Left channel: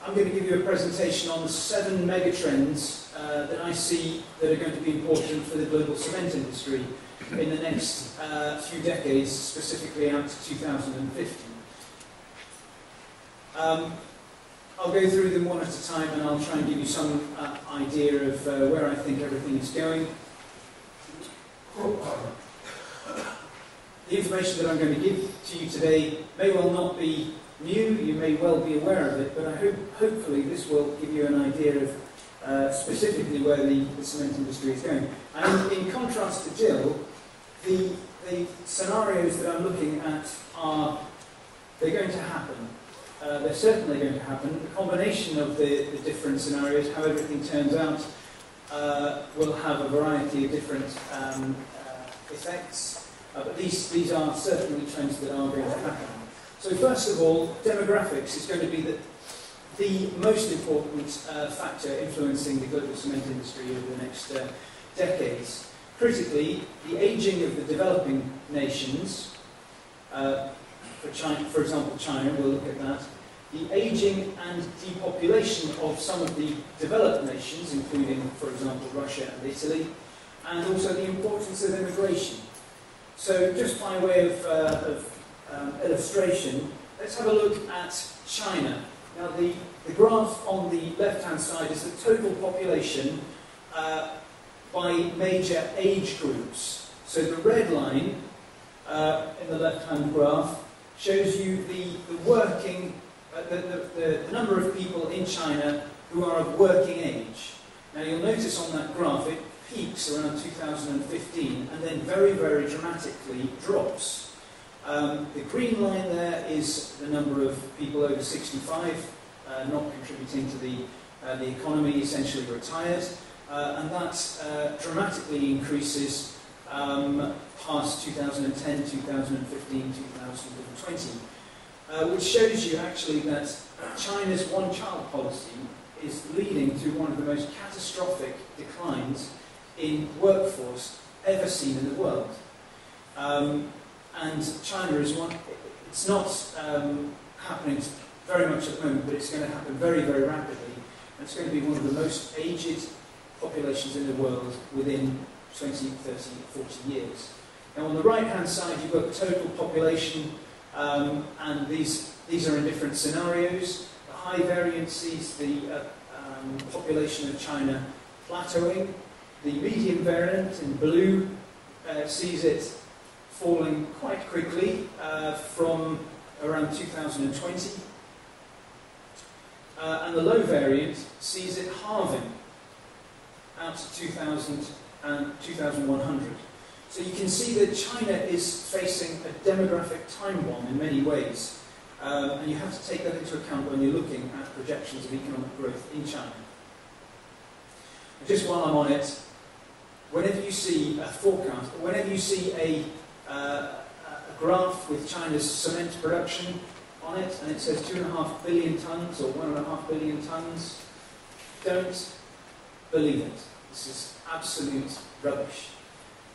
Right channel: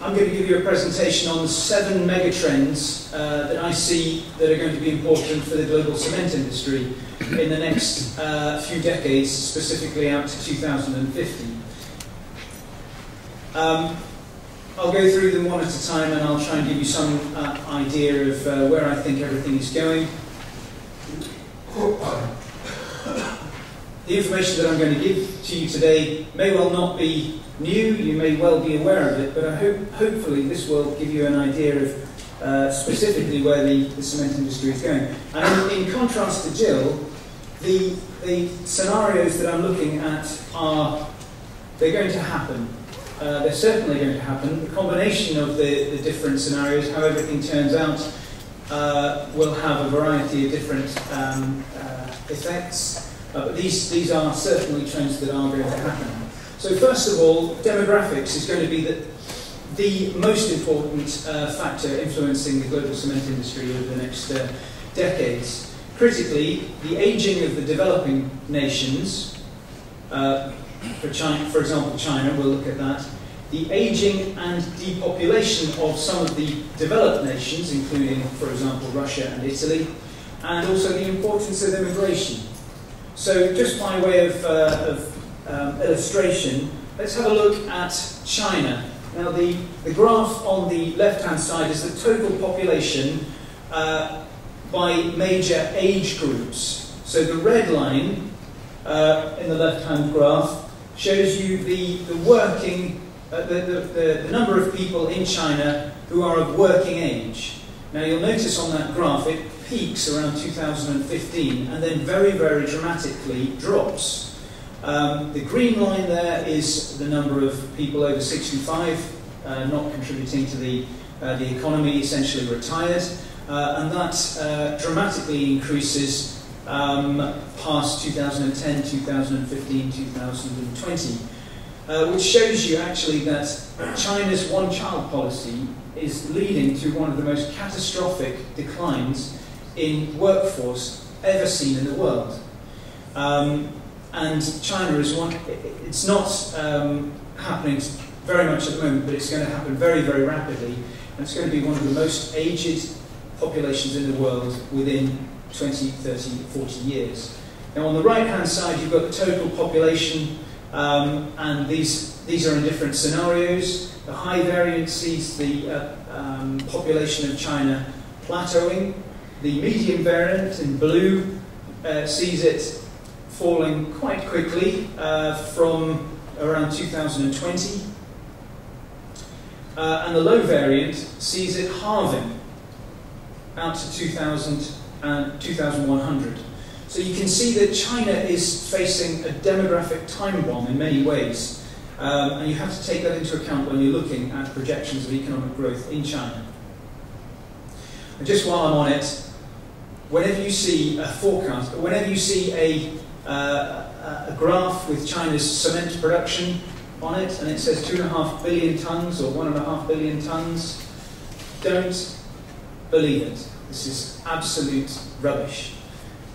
I'm going to give you a presentation on the 7 megatrends that I see that are going to be important for the global cement industry in the next few decades, specifically out to 2050. I'll go through them one at a time, and I'll try and give you some idea of where I think everything is going. The information that I'm going to give to you today may well not be new, you may well be aware of it, but I hopefully this will give you an idea of specifically where the cement industry is going. And in contrast to Jill, the scenarios that I'm looking at they're going to happen. They're certainly going to happen. The combination of the different scenarios, how everything turns out, will have a variety of different effects. But these are certainly trends that are going to happen. So first of all, demographics is going to be the most important factor influencing the global cement industry over the next decades. Critically, the aging of the developing nations, for example China, we'll look at that, the aging and depopulation of some of the developed nations, including, for example, Russia and Italy, and also the importance of immigration. So just by way of illustration, let's have a look at China. Now the graph on the left-hand side is the total population by major age groups. So the red line in the left-hand graph shows you the number of people in China who are of working age. Now you'll notice on that graph it peaks around 2015 and then very, very dramatically drops. The green line there is the number of people over 65 not contributing to the economy, essentially retired, and that dramatically increases past 2010, 2015, 2020, which shows you actually that China's one-child policy is leading to one of the most catastrophic declines in workforce ever seen in the world. And China is it's not happening very much at the moment, but it's going to happen very, very rapidly, and it's going to be one of the most aged populations in the world within 20, 30, 40 years. Now on the right-hand side you've got the total population, and these are in different scenarios. The high variant sees the population of China plateauing. The medium variant in blue sees it falling quite quickly from around 2020. And the low variant sees it halving out to 2100. So you can see that China is facing a demographic time bomb in many ways. And you have to take that into account when you're looking at projections of economic growth in China. And just while I'm on it, whenever you see a forecast, whenever you see a graph with China's cement production on it, and it says 2.5 billion tons or 1.5 billion tons, don't believe it. This is absolute rubbish.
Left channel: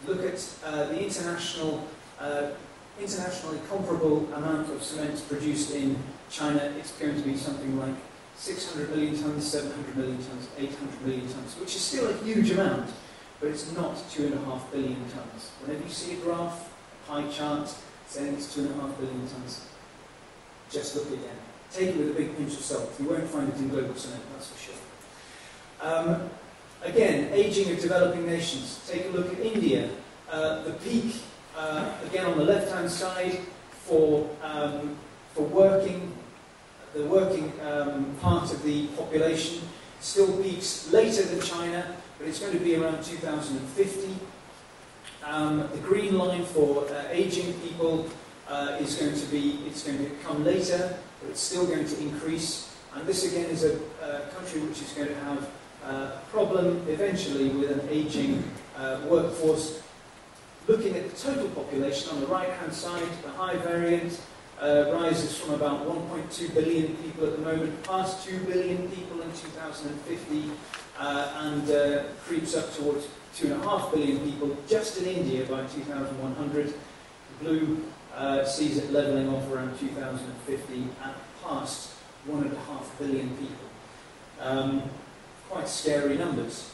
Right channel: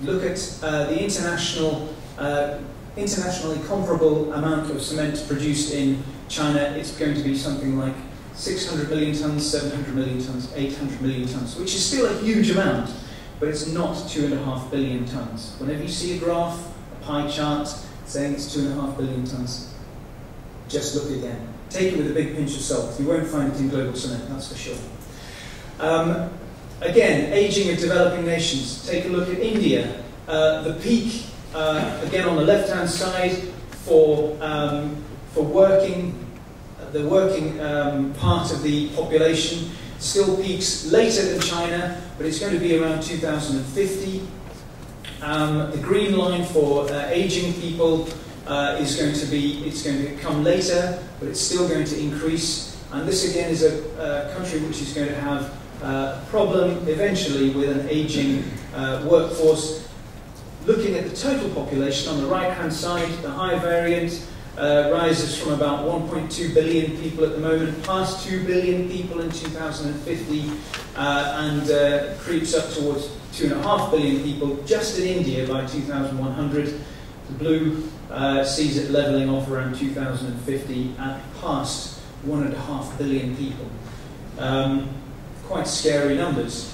Look at the internationally comparable amount of cement produced in China. It's going to be something like 600 million tons, 700 million tons, 800 million tons, which is still a huge amount, but it's not 2.5 billion tons. Whenever you see a graph, a pie chart saying it's 2.5 billion tons, just look again. Take it with a big pinch of salt. You won't find it in global cement, that's for sure. Again, aging of developing nations. Take a look at India. The peak, again on the left-hand side, for working, the working part of the population still peaks later than China, but it's going to be around 2050. The green line for aging people is going to come later, but it's still going to increase. And this again is a country which is going to have a problem eventually with an aging workforce. Looking at the total population on the right-hand side, the high variant rises from about 1.2 billion people at the moment, past 2 billion people in 2050, and creeps up towards 2.5 billion people just in India by 2100. The blue sees it levelling off around 2050 at past 1.5 billion people. Quite scary numbers.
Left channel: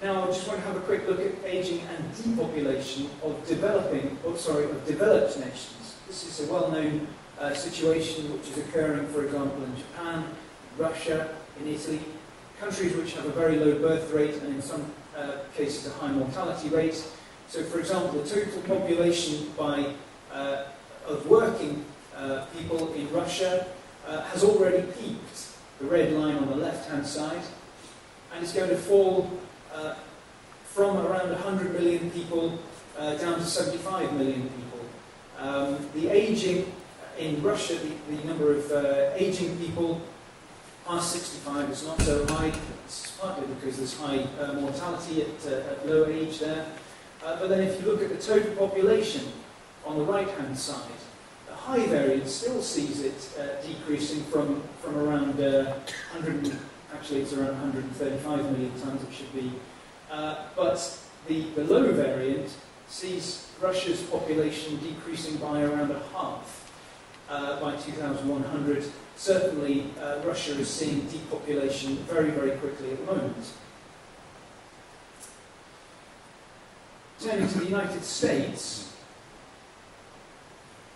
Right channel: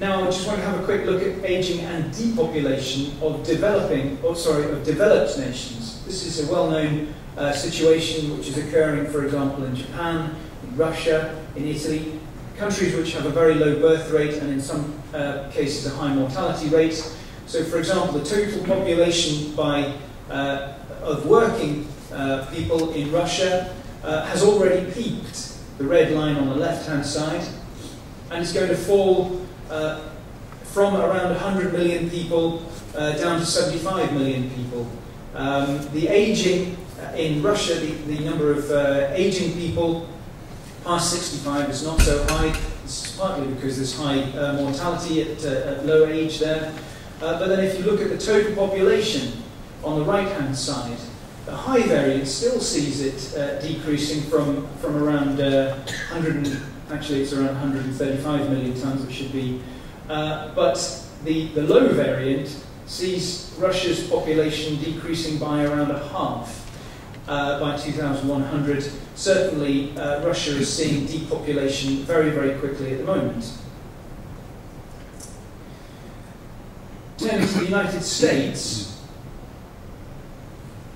Now, I just want to have a quick look at aging and depopulation of developed nations. This is a well-known situation which is occurring, for example, in Japan, in Russia, in Italy, countries which have a very low birth rate and in some cases a high mortality rate. So, for example, the total population of working people in Russia has already peaked, the red line on the left-hand side, and it's going to fall from around 100 million people down to 75 million people. The aging in Russia, the number of aging people past 65 is not so high. This is partly because there's high mortality at low age there. But then if you look at the total population on the right-hand side, the high variant still sees it decreasing from around 135 million tonnes it should be. But the low variant sees Russia's population decreasing by around a half by 2100. Certainly, Russia is seeing depopulation very, very quickly at the moment. Turning to the United States,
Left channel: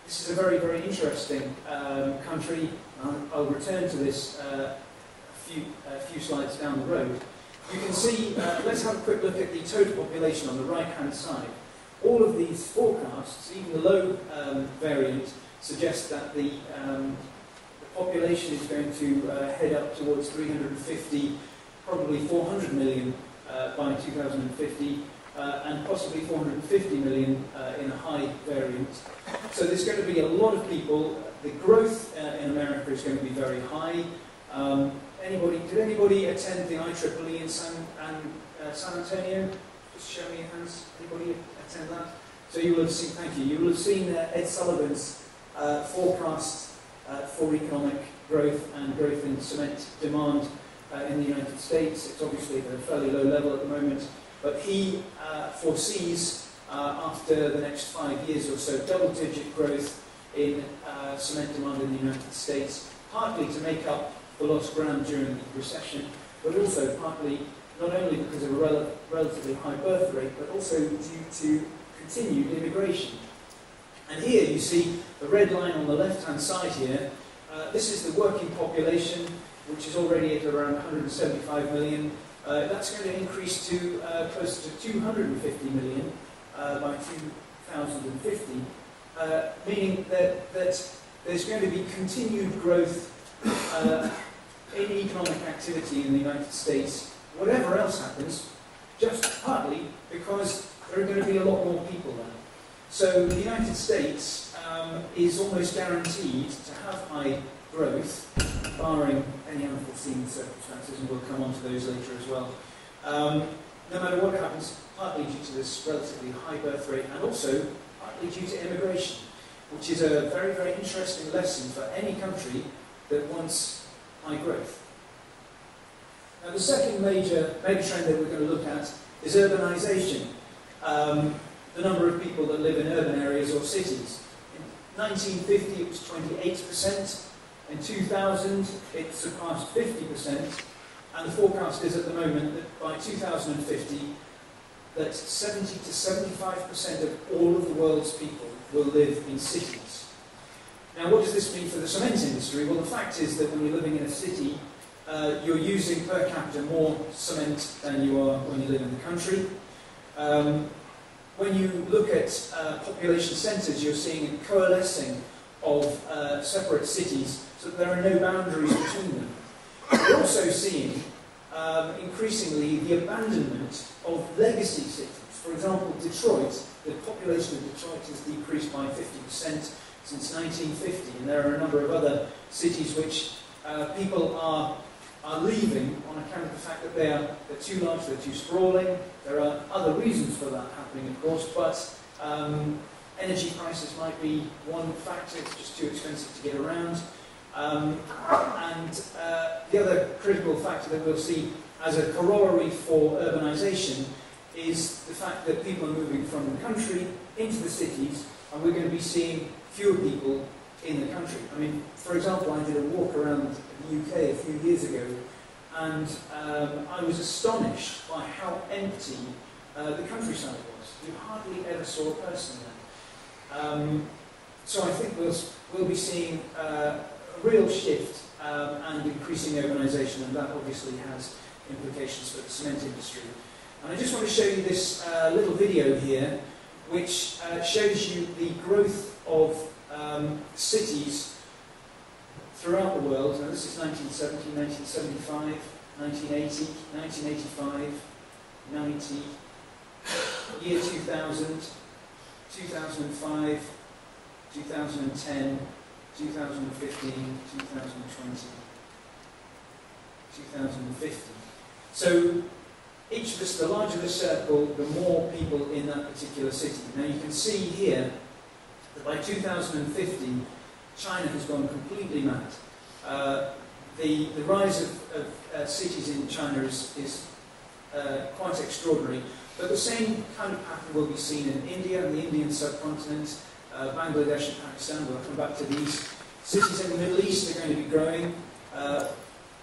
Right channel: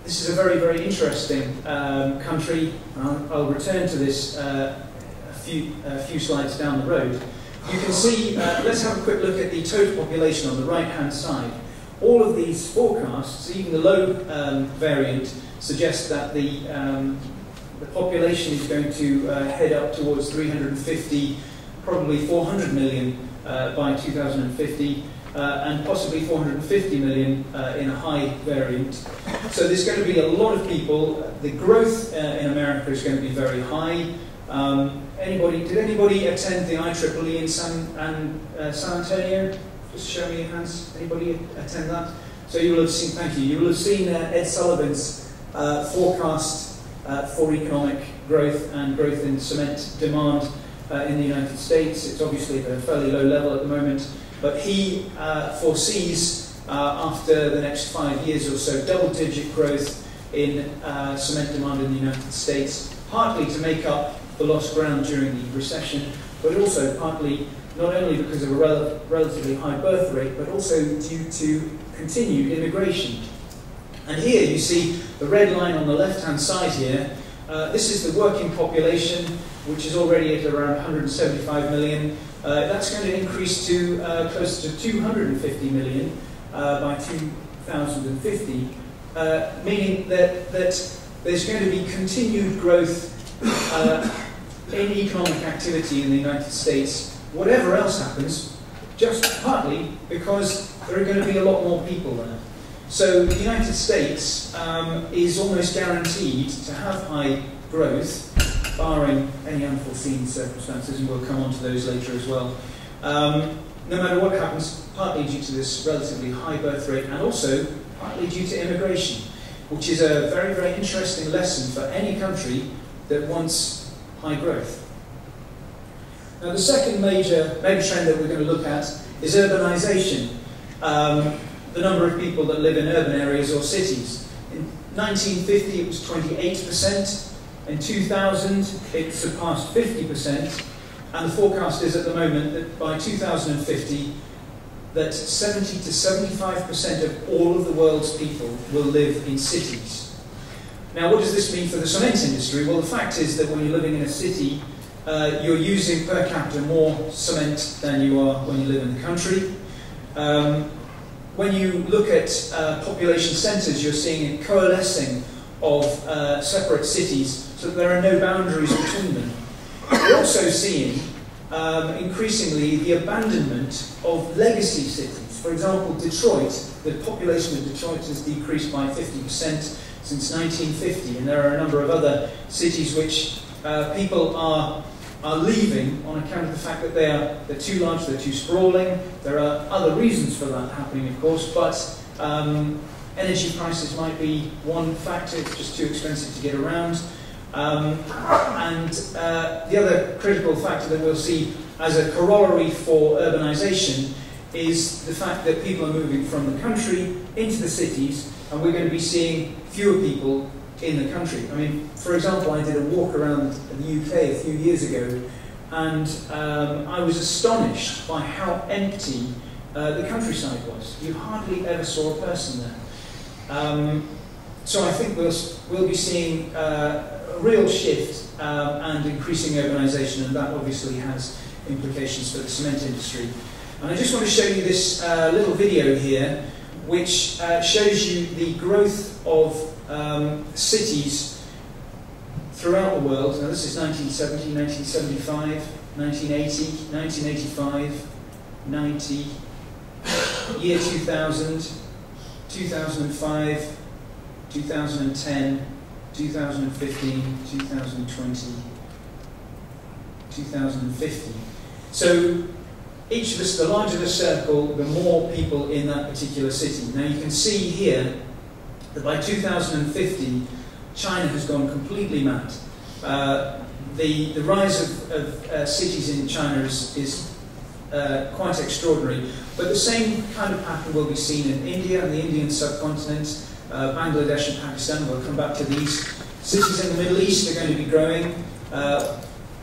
this is a very, very interesting country. I'll return to this a few slides down the road. You can see, let's have a quick look at the total population on the right-hand side. All of these forecasts, even the low variant, suggest that the population is going to head up towards 350, probably 400 million by 2050, and possibly 450 million in a high variant. So there's going to be a lot of people. The growth in America is going to be very high. Did anybody attend the IEEE in San Antonio? Just show me your hands. Anybody attend that? So you will have seen, thank you, you will have seen Ed Sullivan's forecast for economic growth and growth in cement demand in the United States. It's obviously at a fairly low level at the moment, but he foresees after the next 5 years or so double-digit growth in cement demand in the United States, partly to make up the lost ground during the recession, but also partly not only because of a relatively high birth rate, but also due to continued immigration. And here you see the red line on the left-hand side here. This is the working population, which is already at around 175 million. That's going to increase to close to 250 million by 2050, meaning that there's going to be continued growth in economic activity in the United States, whatever else happens, just partly because there are going to be a lot more people there. So the United States is almost guaranteed to have high growth, barring any unforeseen circumstances, and we'll come on to those later as well. No matter what happens, partly due to this relatively high birth rate, and also partly due to immigration, which is a very, very interesting lesson for any country that wants high growth. Now, the second major megatrend that we're going to look at is urbanisation. The number of people that live in urban areas or cities. In 1950 it was 28%, in 2000 it surpassed 50%, and the forecast is at the moment that by 2050 that 70 to 75% of all of the world's people will live in cities. Now, what does this mean for the cement industry? Well, the fact is that when you're living in a city, you're using per capita more cement than you are when you live in the country. When you look at population centres, you're seeing a coalescing of separate cities, so that there are no boundaries between them. We're also seeing increasingly the abandonment of legacy cities. For example, Detroit, the population of Detroit has decreased by 50% since 1950, and there are a number of other cities which people are leaving on account of the fact that they're too large, they're too sprawling. There are other reasons for that happening, of course, but energy prices might be one factor. It's just too expensive to get around. And the other critical factor that we'll see as a corollary for urbanisation is the fact that people are moving from the country into the cities, and we're going to be seeing fewer people in the country. I mean, for example, I did a walk around the UK a few years ago, and I was astonished by how empty the countryside was. You hardly ever saw a person there. So I think we'll be seeing a real shift and increasing urbanisation, and that obviously has implications for the cement industry. And I just want to show you this little video here, which shows you the growth of cities throughout the world. Now this is 1970, 1975, 1980, 1985, 90, year 2000, 2005, 2010, 2015, 2020, 2050. So each of us, the larger the circle, the more people in that particular city. Now you can see here that by 2050, China has gone completely mad. The rise of cities in China is quite extraordinary. But the same kind of pattern will be seen in India and the Indian subcontinent, Bangladesh and Pakistan. We'll come back to these. Cities in the Middle East are going to be growing.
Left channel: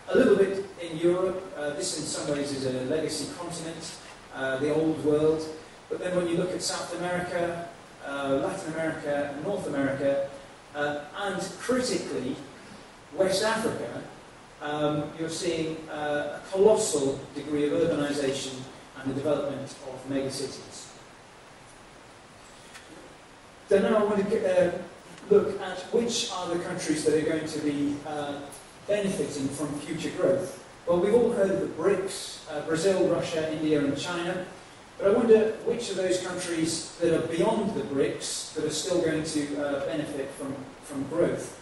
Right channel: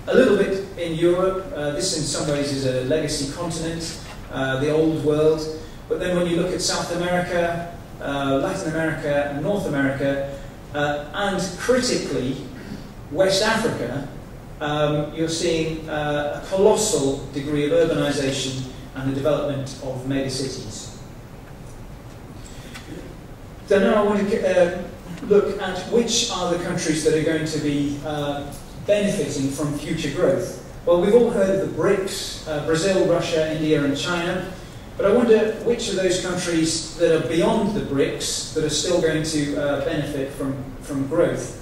A little bit in Europe. This in some ways is a legacy continent, the old world. But then when you look at South America, Latin America, and North America, and critically, West Africa, you're seeing a colossal degree of urbanisation and the development of megacities. So now I want to look at which are the countries that are going to be benefiting from future growth. Well, we've all heard of the BRICS, Brazil, Russia, India and China, but I wonder which of those countries that are beyond the BRICS that are still going to benefit from growth.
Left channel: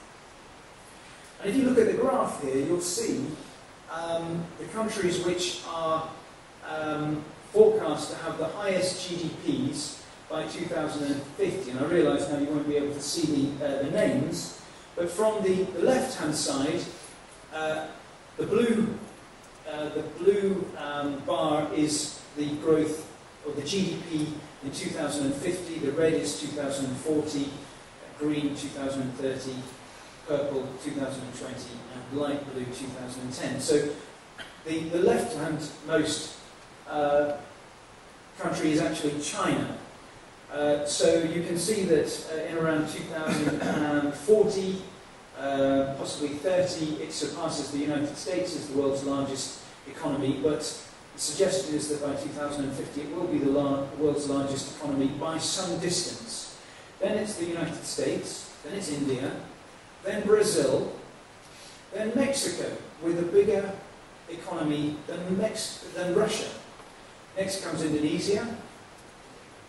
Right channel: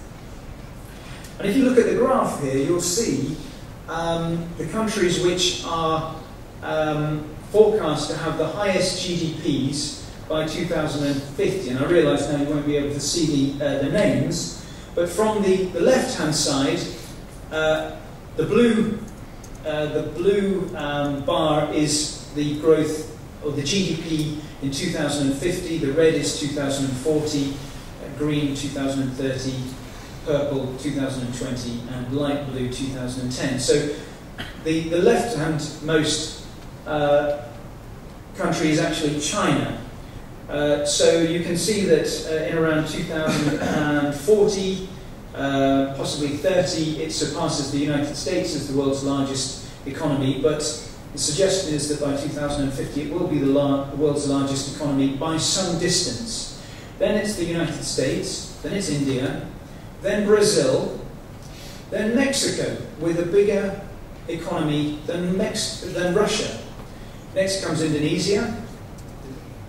And if you look at the graph here, you'll see the countries which are forecast to have the highest GDPs by 2050. And I realise now you won't be able to see the names, but from the left-hand side, the blue bar is the growth of the GDP in 2050, the red is 2040, green 2030, purple 2020, and light blue 2010. So the left-hand most country is actually China. So you can see that in around 2040, possibly 30, it surpasses the United States as the world's largest economy, but the suggestion is that by 2050 it will be the world's largest economy by some distance. Then it's the United States, then it's India, then Brazil, then Mexico with a bigger economy than Russia. Next comes Indonesia,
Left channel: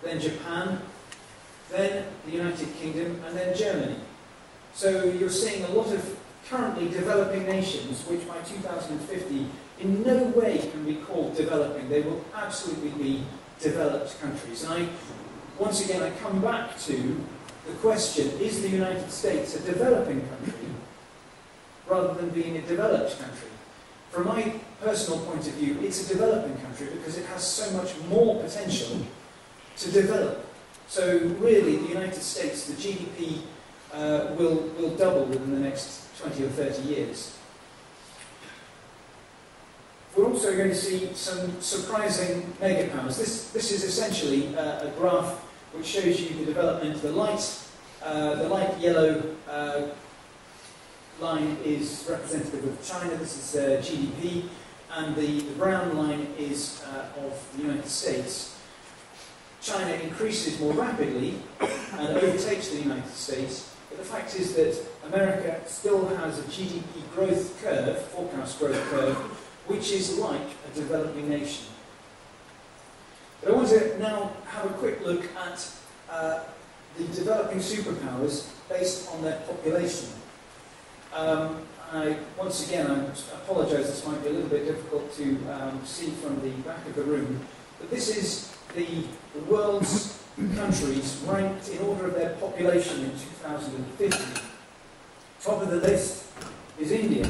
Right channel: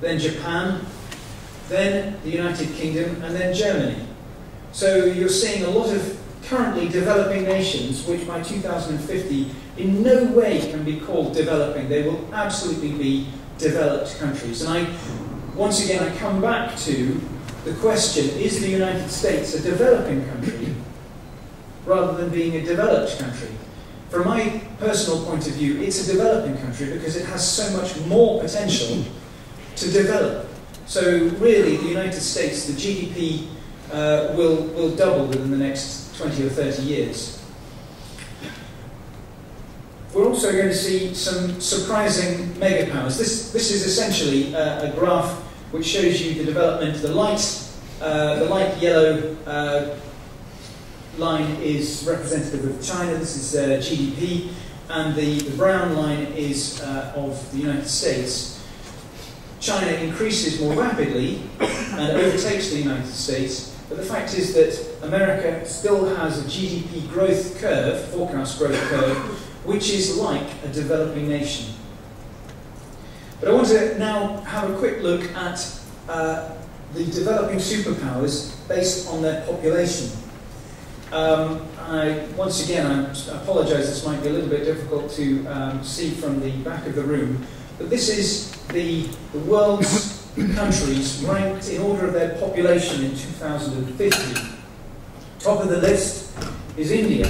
then Japan, then the United Kingdom, and then Germany. So you're seeing a lot of currently developing nations which by 2050 in no way can be called developing. They will absolutely be developed countries. And once again, I come back to the question, is the United States a developing country rather than being a developed country? From my personal point of view, it's a developing country because it has so much more potential to develop. So really, the United States, the GDP will double within the next 20 or 30 years. We're also going to see some surprising megapowers. This is essentially a graph which shows you the development. The light yellow line is representative of China. This is GDP, and the brown line is of the United States. China increases more rapidly and overtakes the United States, but the fact is that America still has a GDP growth curve, forecast growth curve, which is like a developing nation. But I want to now have a quick look at the developing superpowers based on their population. Once again, I apologise, this might be a little bit difficult to see from the back of the room, but this is the world's countries ranked in order of their population in 2050. Top of the list is India.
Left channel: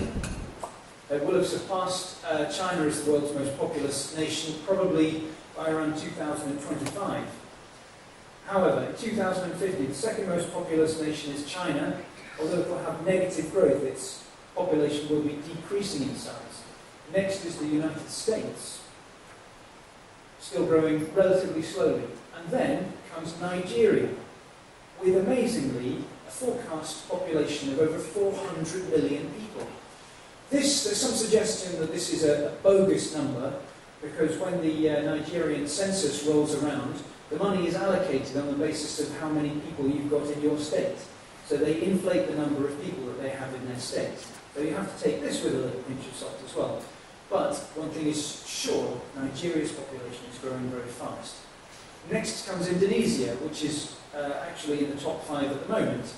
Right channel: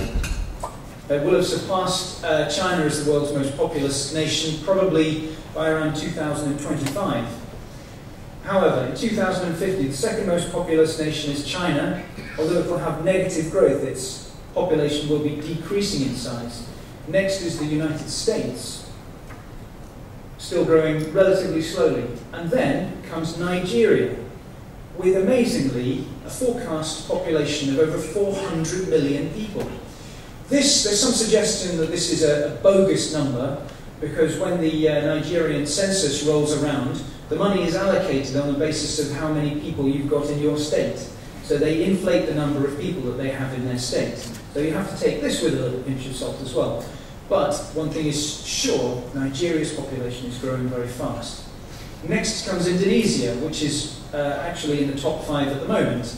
It will have surpassed China as the world's most populous nation, probably by around 2025. However, in 2050, the second most populous nation is China. Although it will have negative growth, its population will be decreasing in size. Next is the United States, still growing relatively slowly. And then comes Nigeria, with amazingly a forecast population of over 400 million people. There's some suggestion that this is a bogus number, because when the Nigerian census rolls around, the money is allocated on the basis of how many people you've got in your state. So they inflate the number of people that they have in their state. So you have to take this with a little pinch of salt as well. But one thing is sure, Nigeria's population is growing very fast. Next comes Indonesia, which is actually in the top 5 at the moment.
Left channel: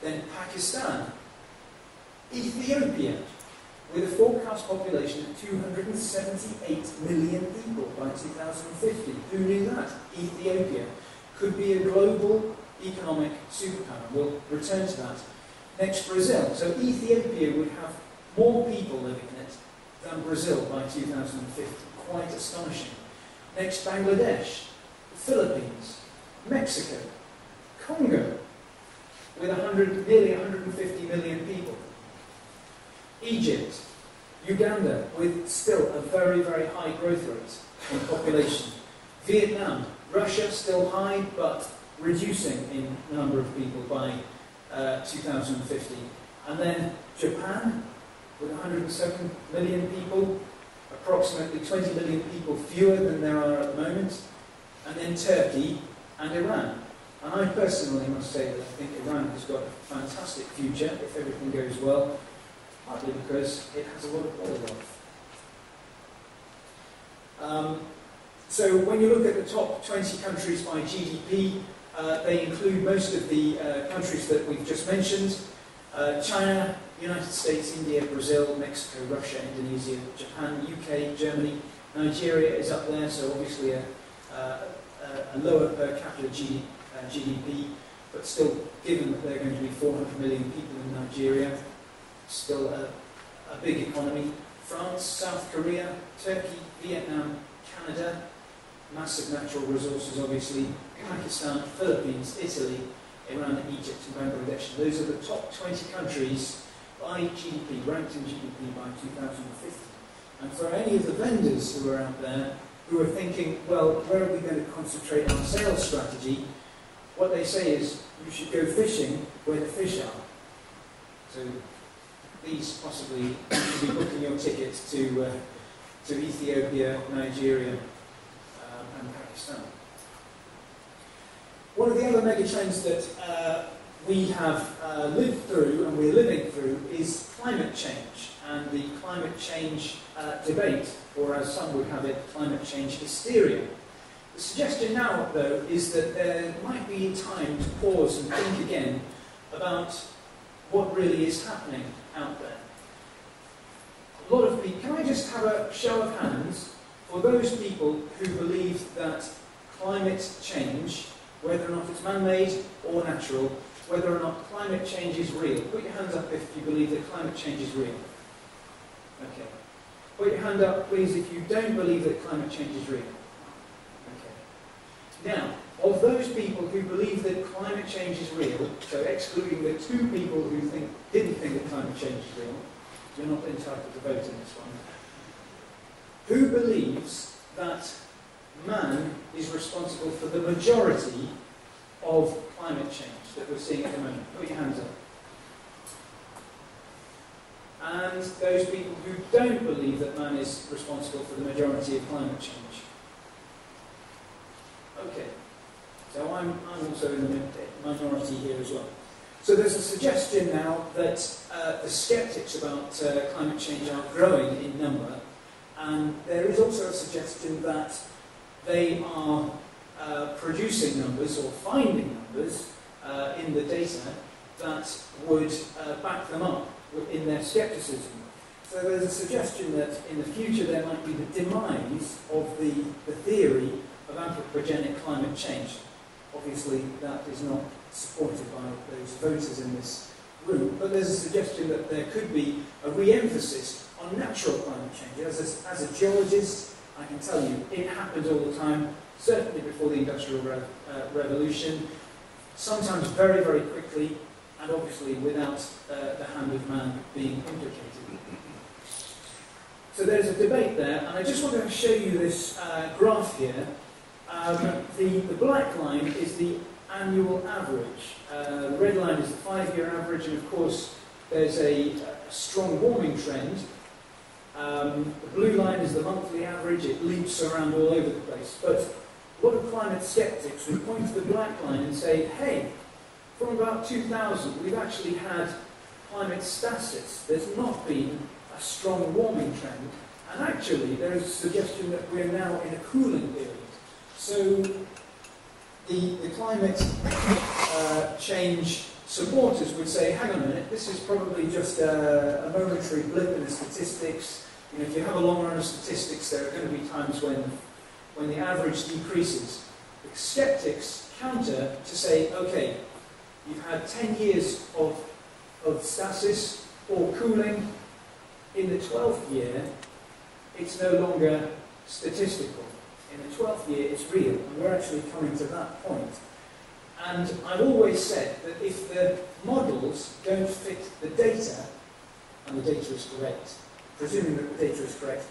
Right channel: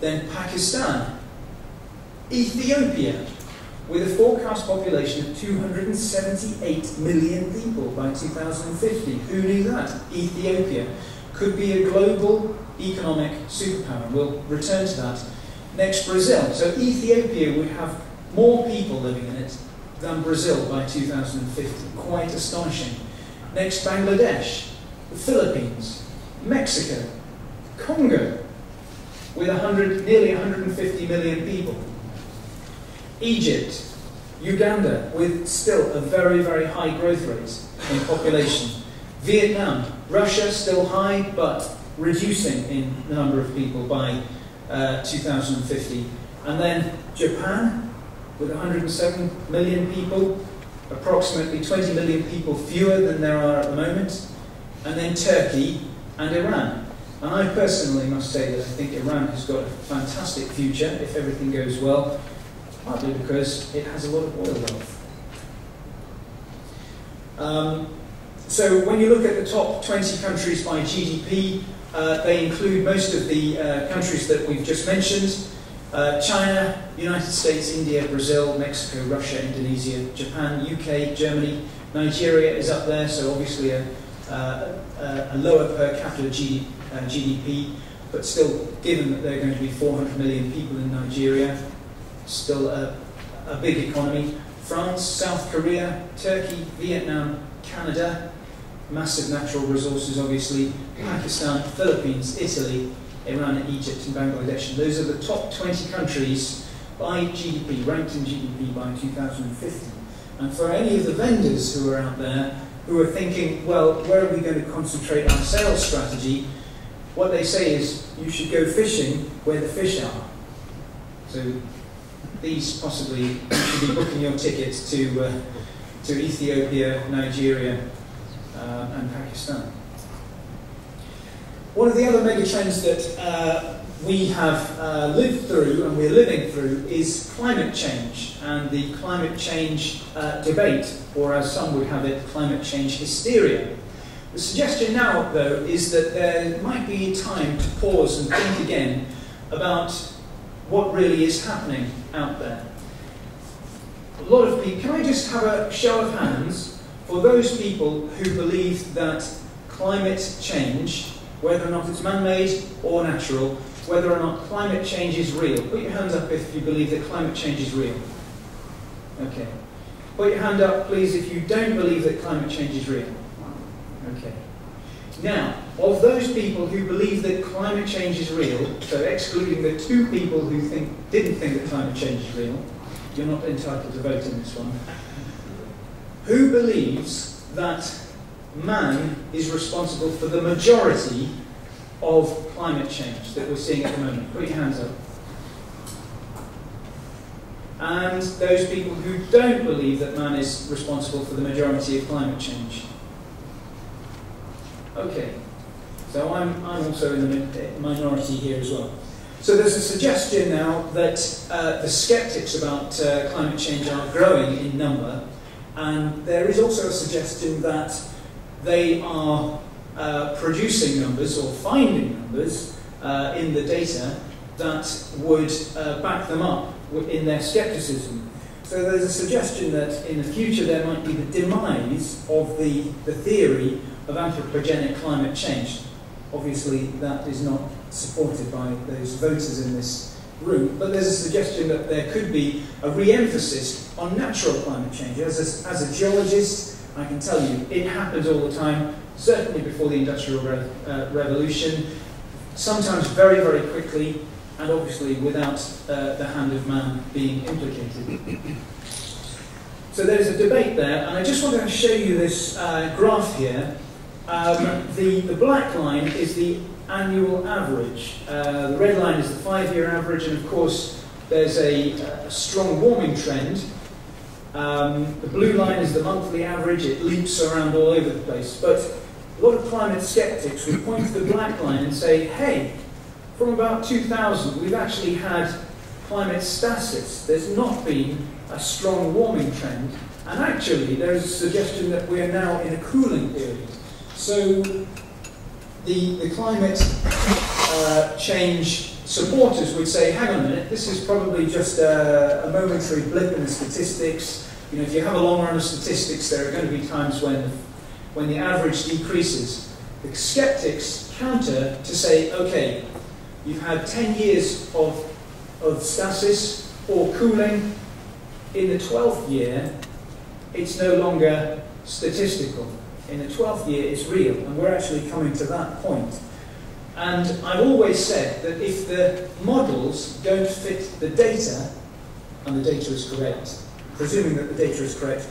Then Pakistan. Ethiopia, with a forecast population of 278 million people by 2050. Who knew that? Ethiopia could be a global economic superpower. We'll return to that. Next, Brazil. So Ethiopia would have more people living in it than Brazil by 2050. Quite astonishing. Next, Bangladesh, the Philippines, Mexico, Congo, with nearly 150 million people. Egypt, Uganda, with still a very, very high growth rate in population. Vietnam, Russia, still high, but reducing in the number of people by 2050. And then Japan, with 107 million people, approximately 20 million people fewer than there are at the moment. And then Turkey and Iran. And I personally must say that I think Iran has got a fantastic future if everything goes well, partly because it has a lot of oil wealth. So when you look at the top 20 countries by GDP, they include most of the countries that we've just mentioned. China, United States, India, Brazil, Mexico, Russia, Indonesia, Japan, UK, Germany. Nigeria is up there, so obviously a lower per capita GDP, but still, given that there are going to be 400 million people in Nigeria, still a big economy. France, South Korea, Turkey, Vietnam, Canada, massive natural resources obviously, Pakistan, Philippines, Italy, Iran, Egypt and Bangladesh. And those are the top 20 countries by GDP, ranked in GDP by 2050. And for any of the vendors who are out there who are thinking, well, where are we going to concentrate our sales strategy? What they say is, you should go fishing where the fish are. So these possibly, you should be booking your tickets to Ethiopia, Nigeria, and Pakistan. One of the other megatrends that we have lived through and we're living through is climate change and the climate change debate, or as some would have it, climate change hysteria. The suggestion now, though, is that there might be time to pause and think again about what really is happening out there. A lot of people, can I just have a show of hands for those people who believe that climate change, whether or not it's man-made or natural, whether or not climate change is real? Put your hands up if you believe that climate change is real. Okay. Put your hand up, please, if you don't believe that climate change is real. Okay. Now, of those people who believe that climate change is real, so excluding the 2 people who didn't think that climate change is real, you're not entitled to vote in this one. Who believes that man is responsible for the majority of climate change that we're seeing at the moment? Put your hands up. And those people who don't believe that man is responsible for the majority of climate change. Okay, so I'm also in the minority here as well. So there's a suggestion now that the skeptics about climate change are growing in number, and there is also a suggestion that they are producing numbers or finding numbers in the data that would back them up in their skepticism. So there's a suggestion that in the future there might be the demise of the theory of anthropogenic climate change. Obviously that is not supported by those voters in this room, but there's a suggestion that there could be a re-emphasis on natural climate change. As a geologist, I can tell you, it happens all the time, certainly before the Industrial Revolution, sometimes very, very quickly, and obviously without the hand of man being implicated. So there's a debate there, and I just wanted to show you this graph here. The black line is the annual average. The red line is the 5-year average, and of course there's a strong warming trend. The blue line is the monthly average. It leaps around all over the place. But a lot of climate skeptics would point to the black line and say, hey, from about 2000, we've actually had climate stasis. There's not been a strong warming trend. And actually, there's a suggestion that we are now in a cooling period. So the climate change supporters would say, hang on a minute, this is probably just a momentary blip in the statistics. You know, if you have a long run of statistics, there are going to be times when the average decreases. The skeptics counter to say, okay, you've had 10 years of stasis or cooling. In the 12th year, it's no longer statistical. In the 12th year, it's real, and we're actually coming to that point. And I've always said that if the models don't fit the data, and the data is correct, presuming that the data is correct,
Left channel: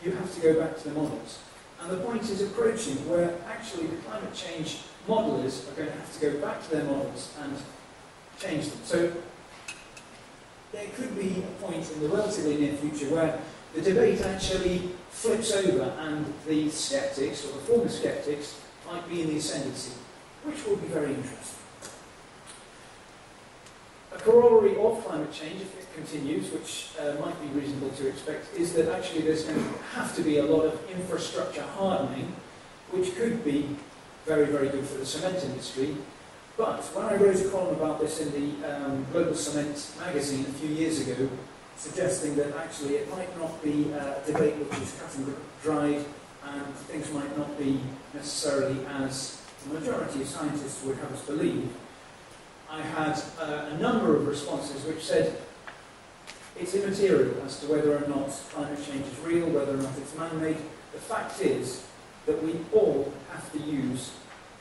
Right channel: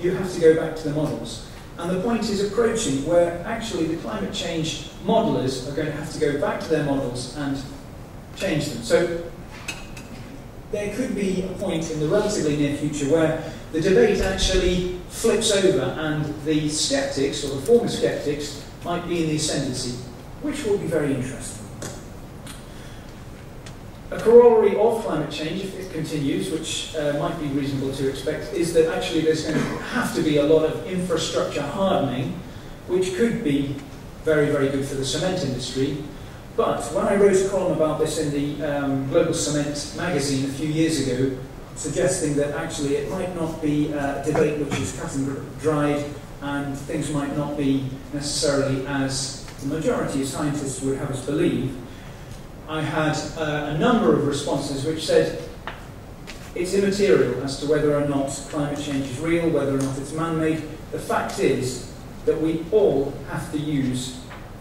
you have to go back to the models. And the point is approaching where actually the climate change modelers are going to have to go back to their models and change them. So there could be a point in the relatively near future where the debate actually flips over and the skeptics, or the former skeptics, might be in the ascendancy, which will be very interesting. A corollary of climate change, if it continues, which might be reasonable to expect, is that actually there's going to have to be a lot of infrastructure hardening, which could be very, very good for the cement industry. But when I wrote a column about this in the Global Cement magazine a few years ago, suggesting that actually it might not be a debate which is cut and dried, and things might not be necessarily as the majority of scientists would have us believe, I had a number of responses which said it's immaterial as to whether or not climate change is real, whether or not it's man-made. The fact is that we all have to use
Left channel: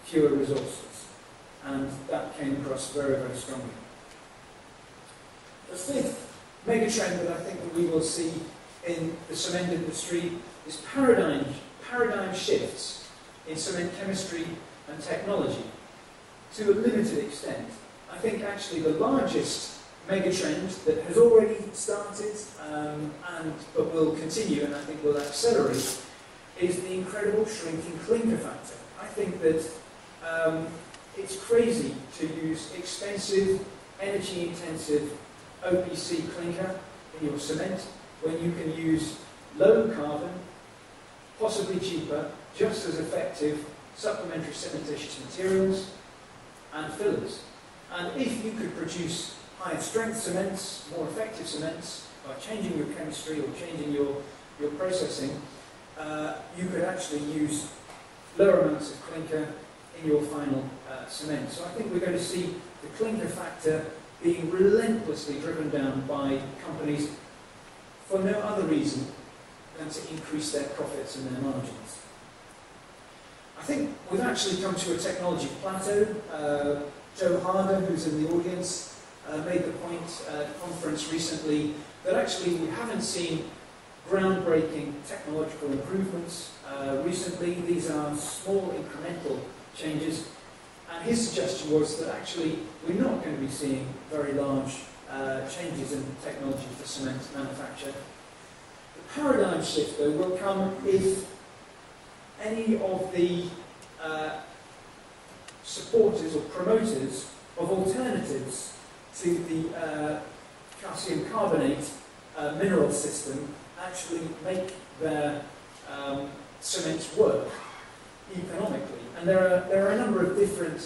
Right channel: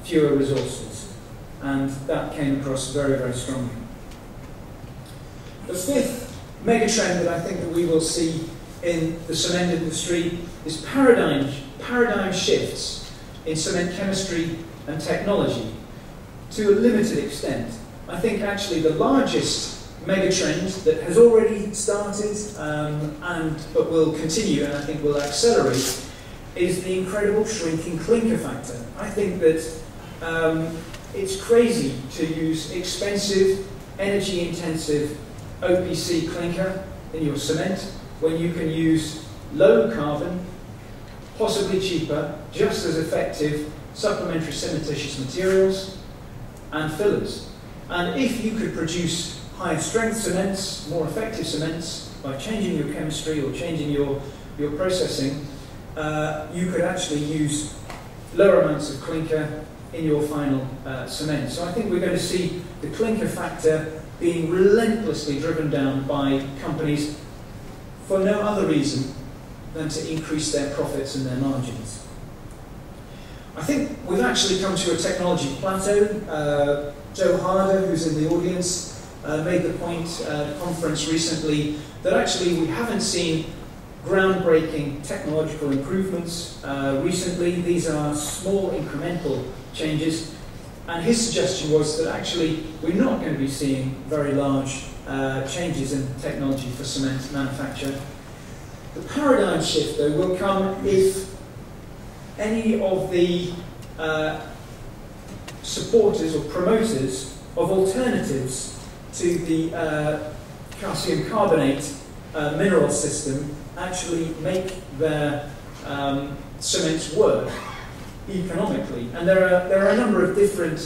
fewer resources, and that came across very, very strongly. The fifth megatrend that I think that we will see in the cement industry is paradigm shifts in cement chemistry and technology to a limited extent. I think actually the largest megatrend that has already started but will continue and I think will accelerate is the incredible shrinking clinker factor. I think that it's crazy to use expensive, energy-intensive OPC clinker in your cement when you can use low carbon, possibly cheaper, just as effective supplementary cementitious materials and fillers. And if you could produce higher strength cements, more effective cements, by changing your chemistry or changing your processing, you could actually use lower amounts of clinker in your final cement. So I think we're going to see the clinker factor being relentlessly driven down by companies for no other reason than to increase their profits and their margins. I think we've actually come to a technology plateau. Joe Harder, who's in the audience, made the point at a conference recently that actually we haven't seen groundbreaking technological improvements recently. These are small incremental changes, and his suggestion was that actually we're not going to be seeing very large changes in technology for cement manufacture. The paradigm shift, though, will come if any of the supporters or promoters of alternatives to the calcium carbonate mineral system actually make their cements work economically. And there are a number of different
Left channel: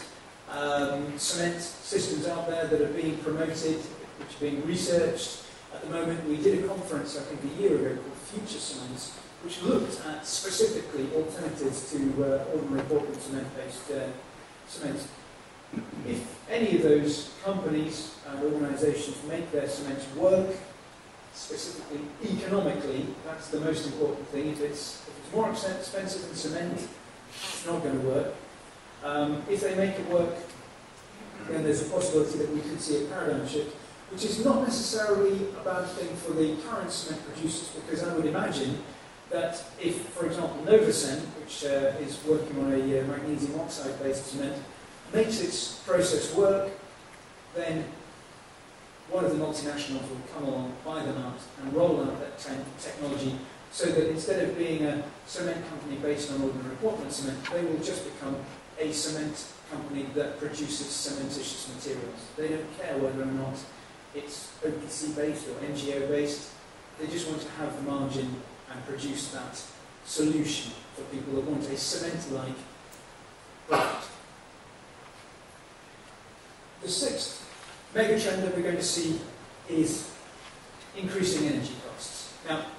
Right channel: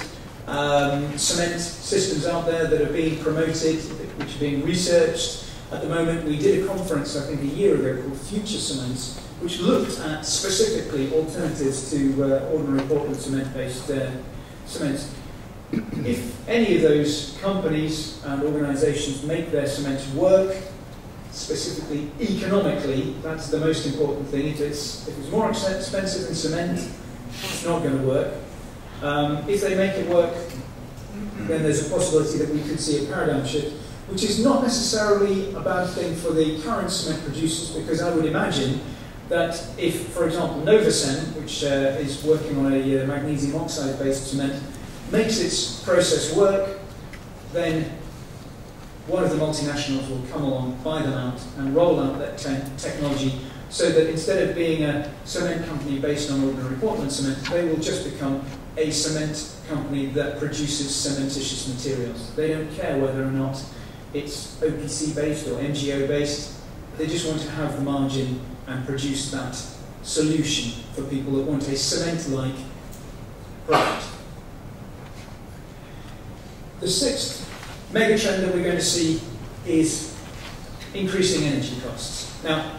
cement systems out there that are being promoted, which are being researched. At the moment, we did a conference, I think a year ago, called Future Cements, which looked at specifically alternatives to ordinary Portland cement-based cements. If any of those companies and organisations make their cements work specifically economically, that's the most important thing. If it's more expensive than cement, it's not going to work. If they make it work, then there's a possibility that we could see a paradigm shift, which is not necessarily a bad thing for the current cement producers, because I would imagine that if, for example, Novacem, which is working on a magnesium oxide-based cement, makes its process work, then one of the multinationals will come along, buy them out, and roll out that technology, so that instead of being a cement company based on ordinary Portland cement, they will just become a cement company that produces cementitious materials. They don't care whether or not it's OPC-based or MGO-based. They just want to have the margin and produce that solution for people that want a cement-like product. The sixth megatrend that we're going to see is increasing energy costs. Now,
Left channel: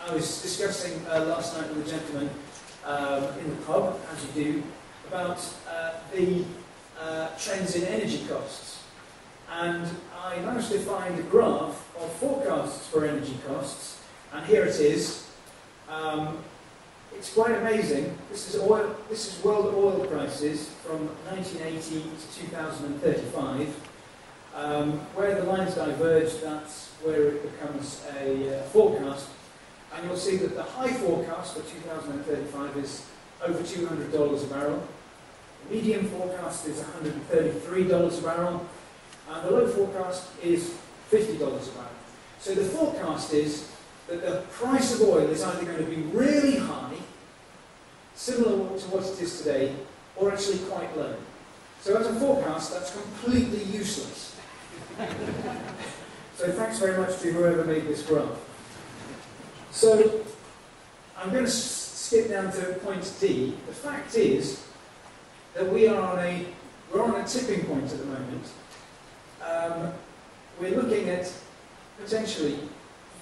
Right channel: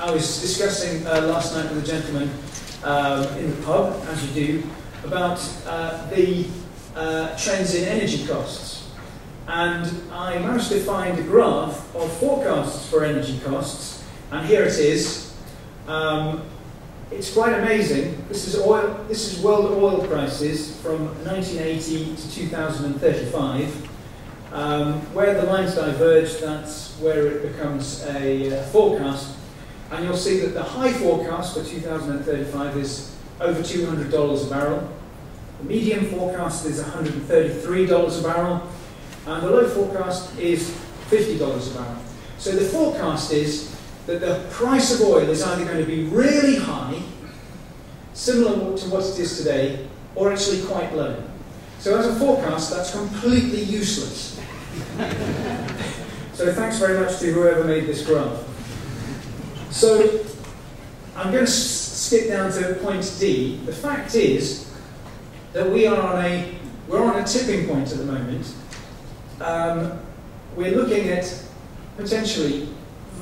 I was discussing last night with a gentleman in the pub, as you do, about the trends in energy costs. And I managed to find a graph of forecasts for energy costs, and here it is. It's quite amazing. This is world oil prices from 1980 to 2035. Where the lines diverge, that's where it becomes a forecast. And you'll see that the high forecast for 2035 is over $200 a barrel. The medium forecast is $133 a barrel. And the low forecast is $50 a barrel. So the forecast is that the price of oil is either going to be really high, similar to what it is today, or actually quite low. So as a forecast, that's completely useless. So thanks very much to whoever made this graph. So I'm going to skip down to point D. The fact is that we're on a tipping point at the moment. We're looking at potentially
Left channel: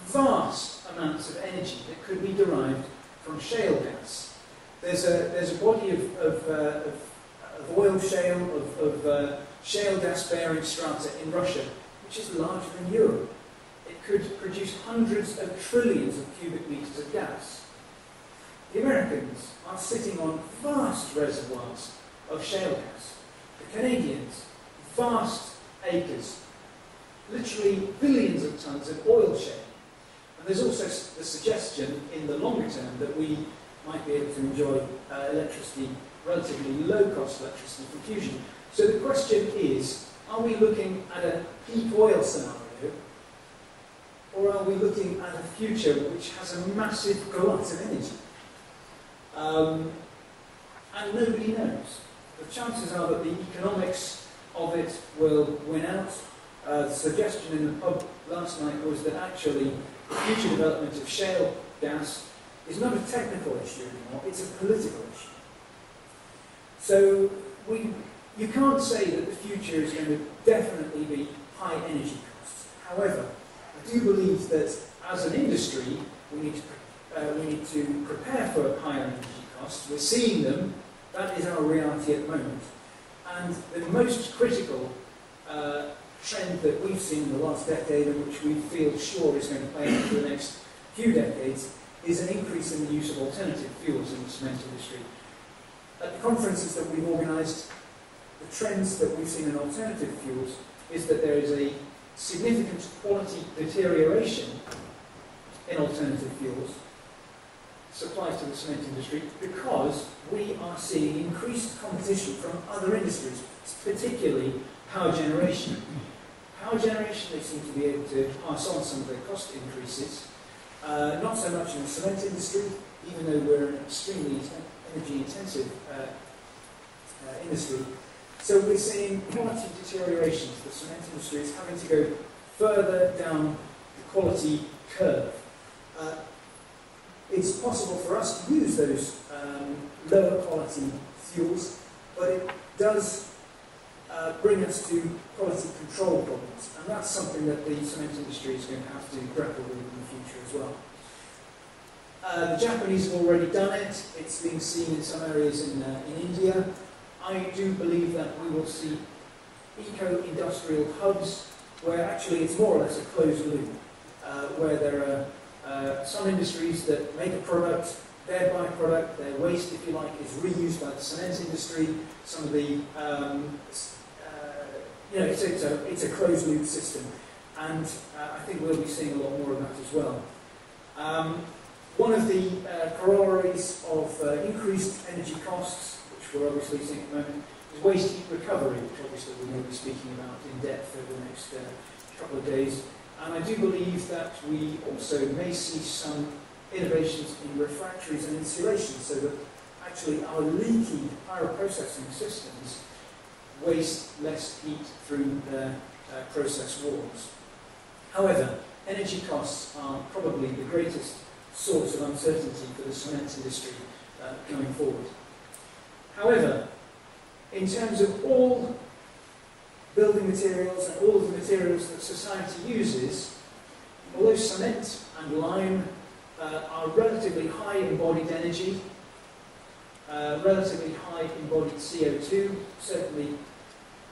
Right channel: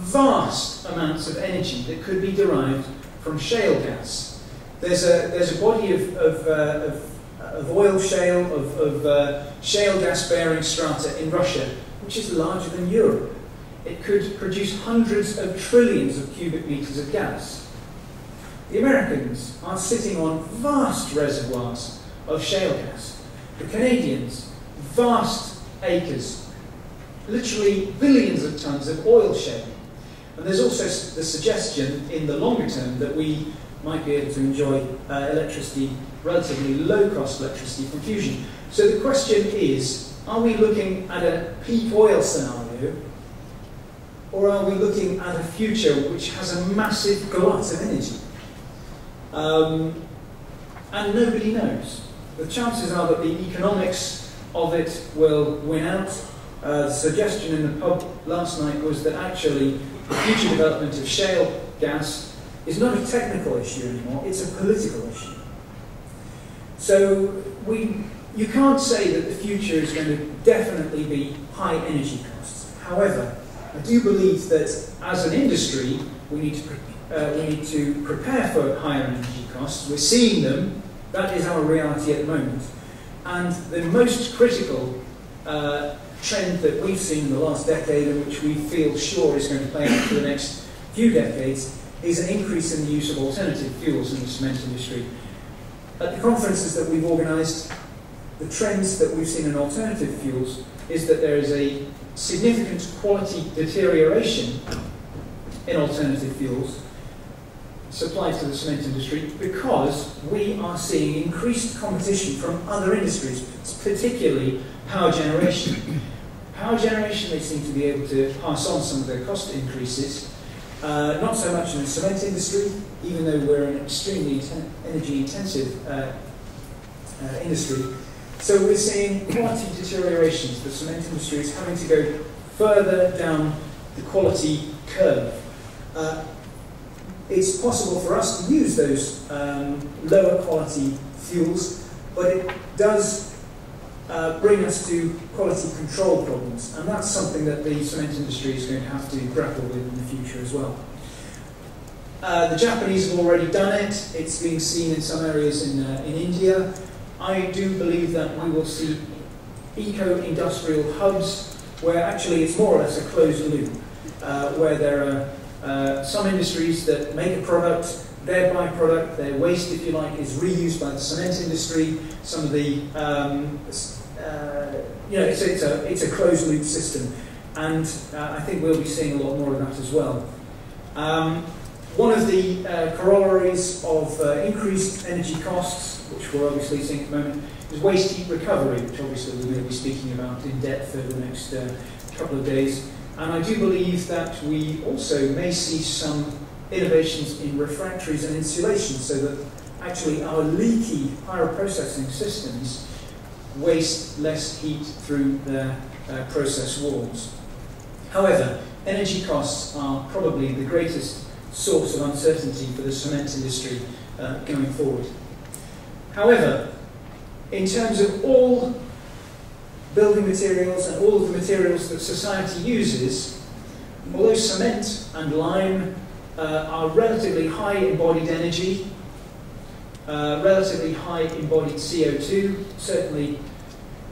vast amounts of energy that could be derived from shale gas. There's a body of oil shale, of shale gas bearing strata in Russia, which is larger than Europe. It could produce hundreds of trillions of cubic meters of gas. The Americans are sitting on vast reservoirs of shale gas. The Canadians, vast acres, literally billions of tons of oil shale. And there's also the suggestion in the longer term that we might be able to enjoy electricity, relatively low-cost electricity from fusion. So the question is, are we looking at a peak oil scenario, or are we looking at a future which has a massive glut of energy? And nobody knows. The chances are that the economics of it will win out. The suggestion in the pub last night was that actually the future development of shale gas is not a technical issue anymore, it's a political issue. So you can't say that the future is going to definitely be high energy costs. However, I do believe that as an industry, we need to prepare for higher energy costs. We're seeing them. That is our reality at the moment. And the most critical trend that we've seen in the last decade, and which we feel sure is going to play out for the next few decades, is an increase in the use of alternative fuels in the cement industry. At the conferences that we've organised, the trends that we've seen in alternative fuels is that there is a significant quality deterioration in alternative fuels supplied to the cement industry, because we are seeing increased competition from other industries, particularly power generation. Power generation, they seem to be able to pass on some of their cost increases, not so much in the cement industry, even though we're an extremely energy-intensive industry. So we're seeing quality deteriorations. The cement industry is having to go further down the quality curve. It's possible for us to use those lower quality fuels, but it does bring us to quality control problems, and that's something that the cement industry is going to have to grapple with in the future as well. The Japanese have already done it. It's being seen in some areas in India. I do believe that we will see eco-industrial hubs where actually it's more or less a closed loop. where there are some industries that make a product, their byproduct, their waste, if you like, is reused by the cement industry. Some of the, it's a closed loop system, and I think we'll be seeing a lot more of that as well. One of the corollaries of increased energy costs, which we're obviously seeing at the moment, is waste heat recovery, which obviously we're going to be speaking about in depth over the next couple of days. And I do believe that we also may see some innovations in refractories and insulation, so that actually our leaky pyroprocessing systems waste less heat through their process walls. However, energy costs are probably the greatest source of uncertainty for the cement industry going forward. However, in terms of all building materials and all of the materials that society uses, although cement and lime are relatively high embodied energy, relatively high embodied CO2, certainly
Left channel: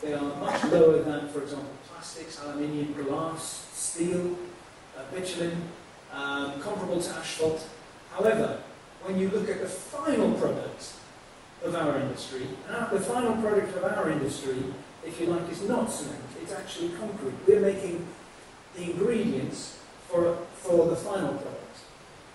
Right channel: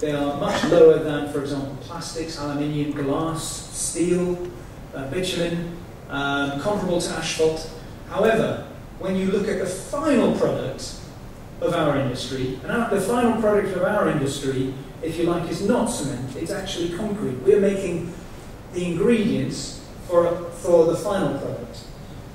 they are much lower than, for example, plastics, aluminium, glass, steel, bitumen, comparable to asphalt. However, when you look at the final product of our industry, and the final product of our industry, if you like, is not cement, it's actually concrete. We're making the ingredients for the final product.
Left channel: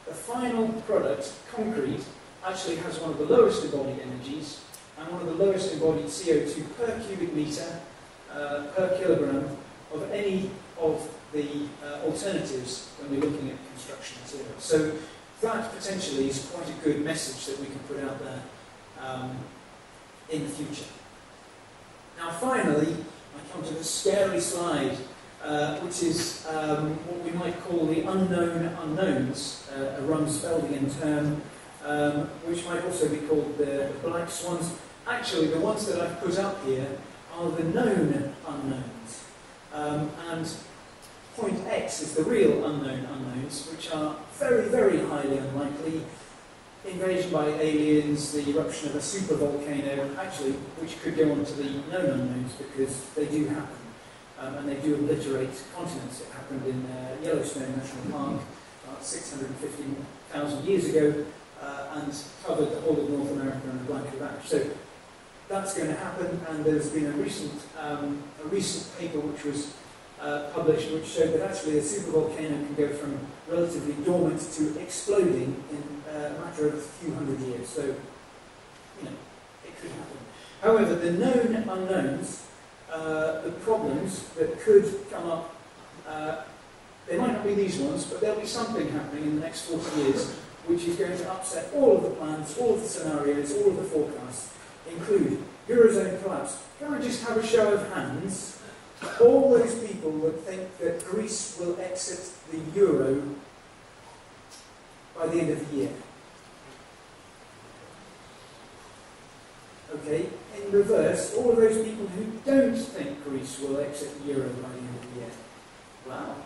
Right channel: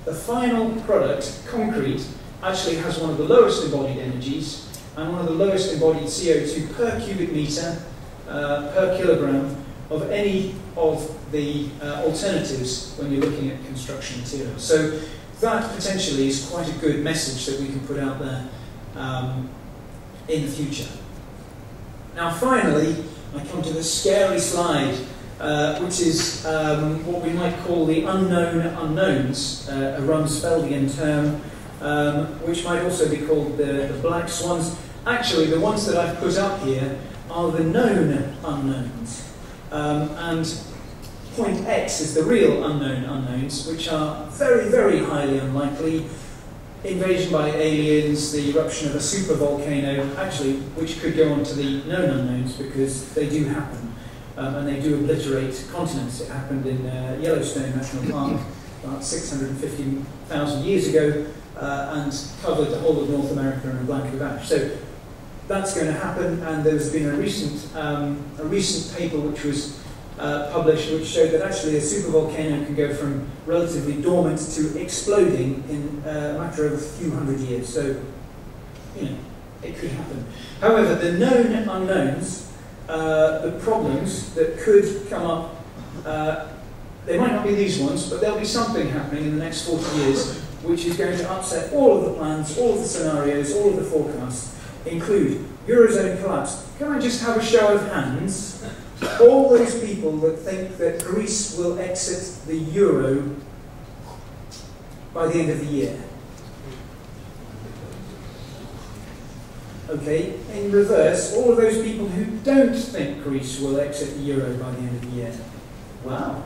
The final product, concrete, actually has one of the lowest embodied energies and one of the lowest embodied CO2 per cubic metre, per kilogram, of any of the alternatives when you're looking at construction materials. So that potentially is quite a good message that we can put out there in the future. Now finally, I come to the scary slide, which is what we might call the unknown unknowns, a Rumsfeldian term, which might also be called the black swans. Actually, the ones that I've put up here are the known unknowns. And point X is the real unknown unknowns, which are very, very highly unlikely. Invasion by aliens, the eruption of a supervolcano, actually, which could go on to the known unknowns because they do happen. And they do obliterate continents. It happened in Yellowstone National Park about 650,000 years ago and covered the whole of North America in a blanket of ash. So that's going to happen, and there's been a recent paper which was published which showed that actually a supervolcano can go from relatively dormant to exploding in a matter of a few hundred years. So, you know, it could happen. However, the known unknowns, the problems that could come up, they might not be these ones, but there'll be something happening in the next 40 years which is going to upset all of the plans, all of the scenarios, all of the forecasts, include Eurozone collapse. Can I just have a show of hands? All those people that think that Greece will exit the euro by the end of the year. Okay, in reverse, all of those people who don't think Greece will exit the euro by the end of the year. Wow.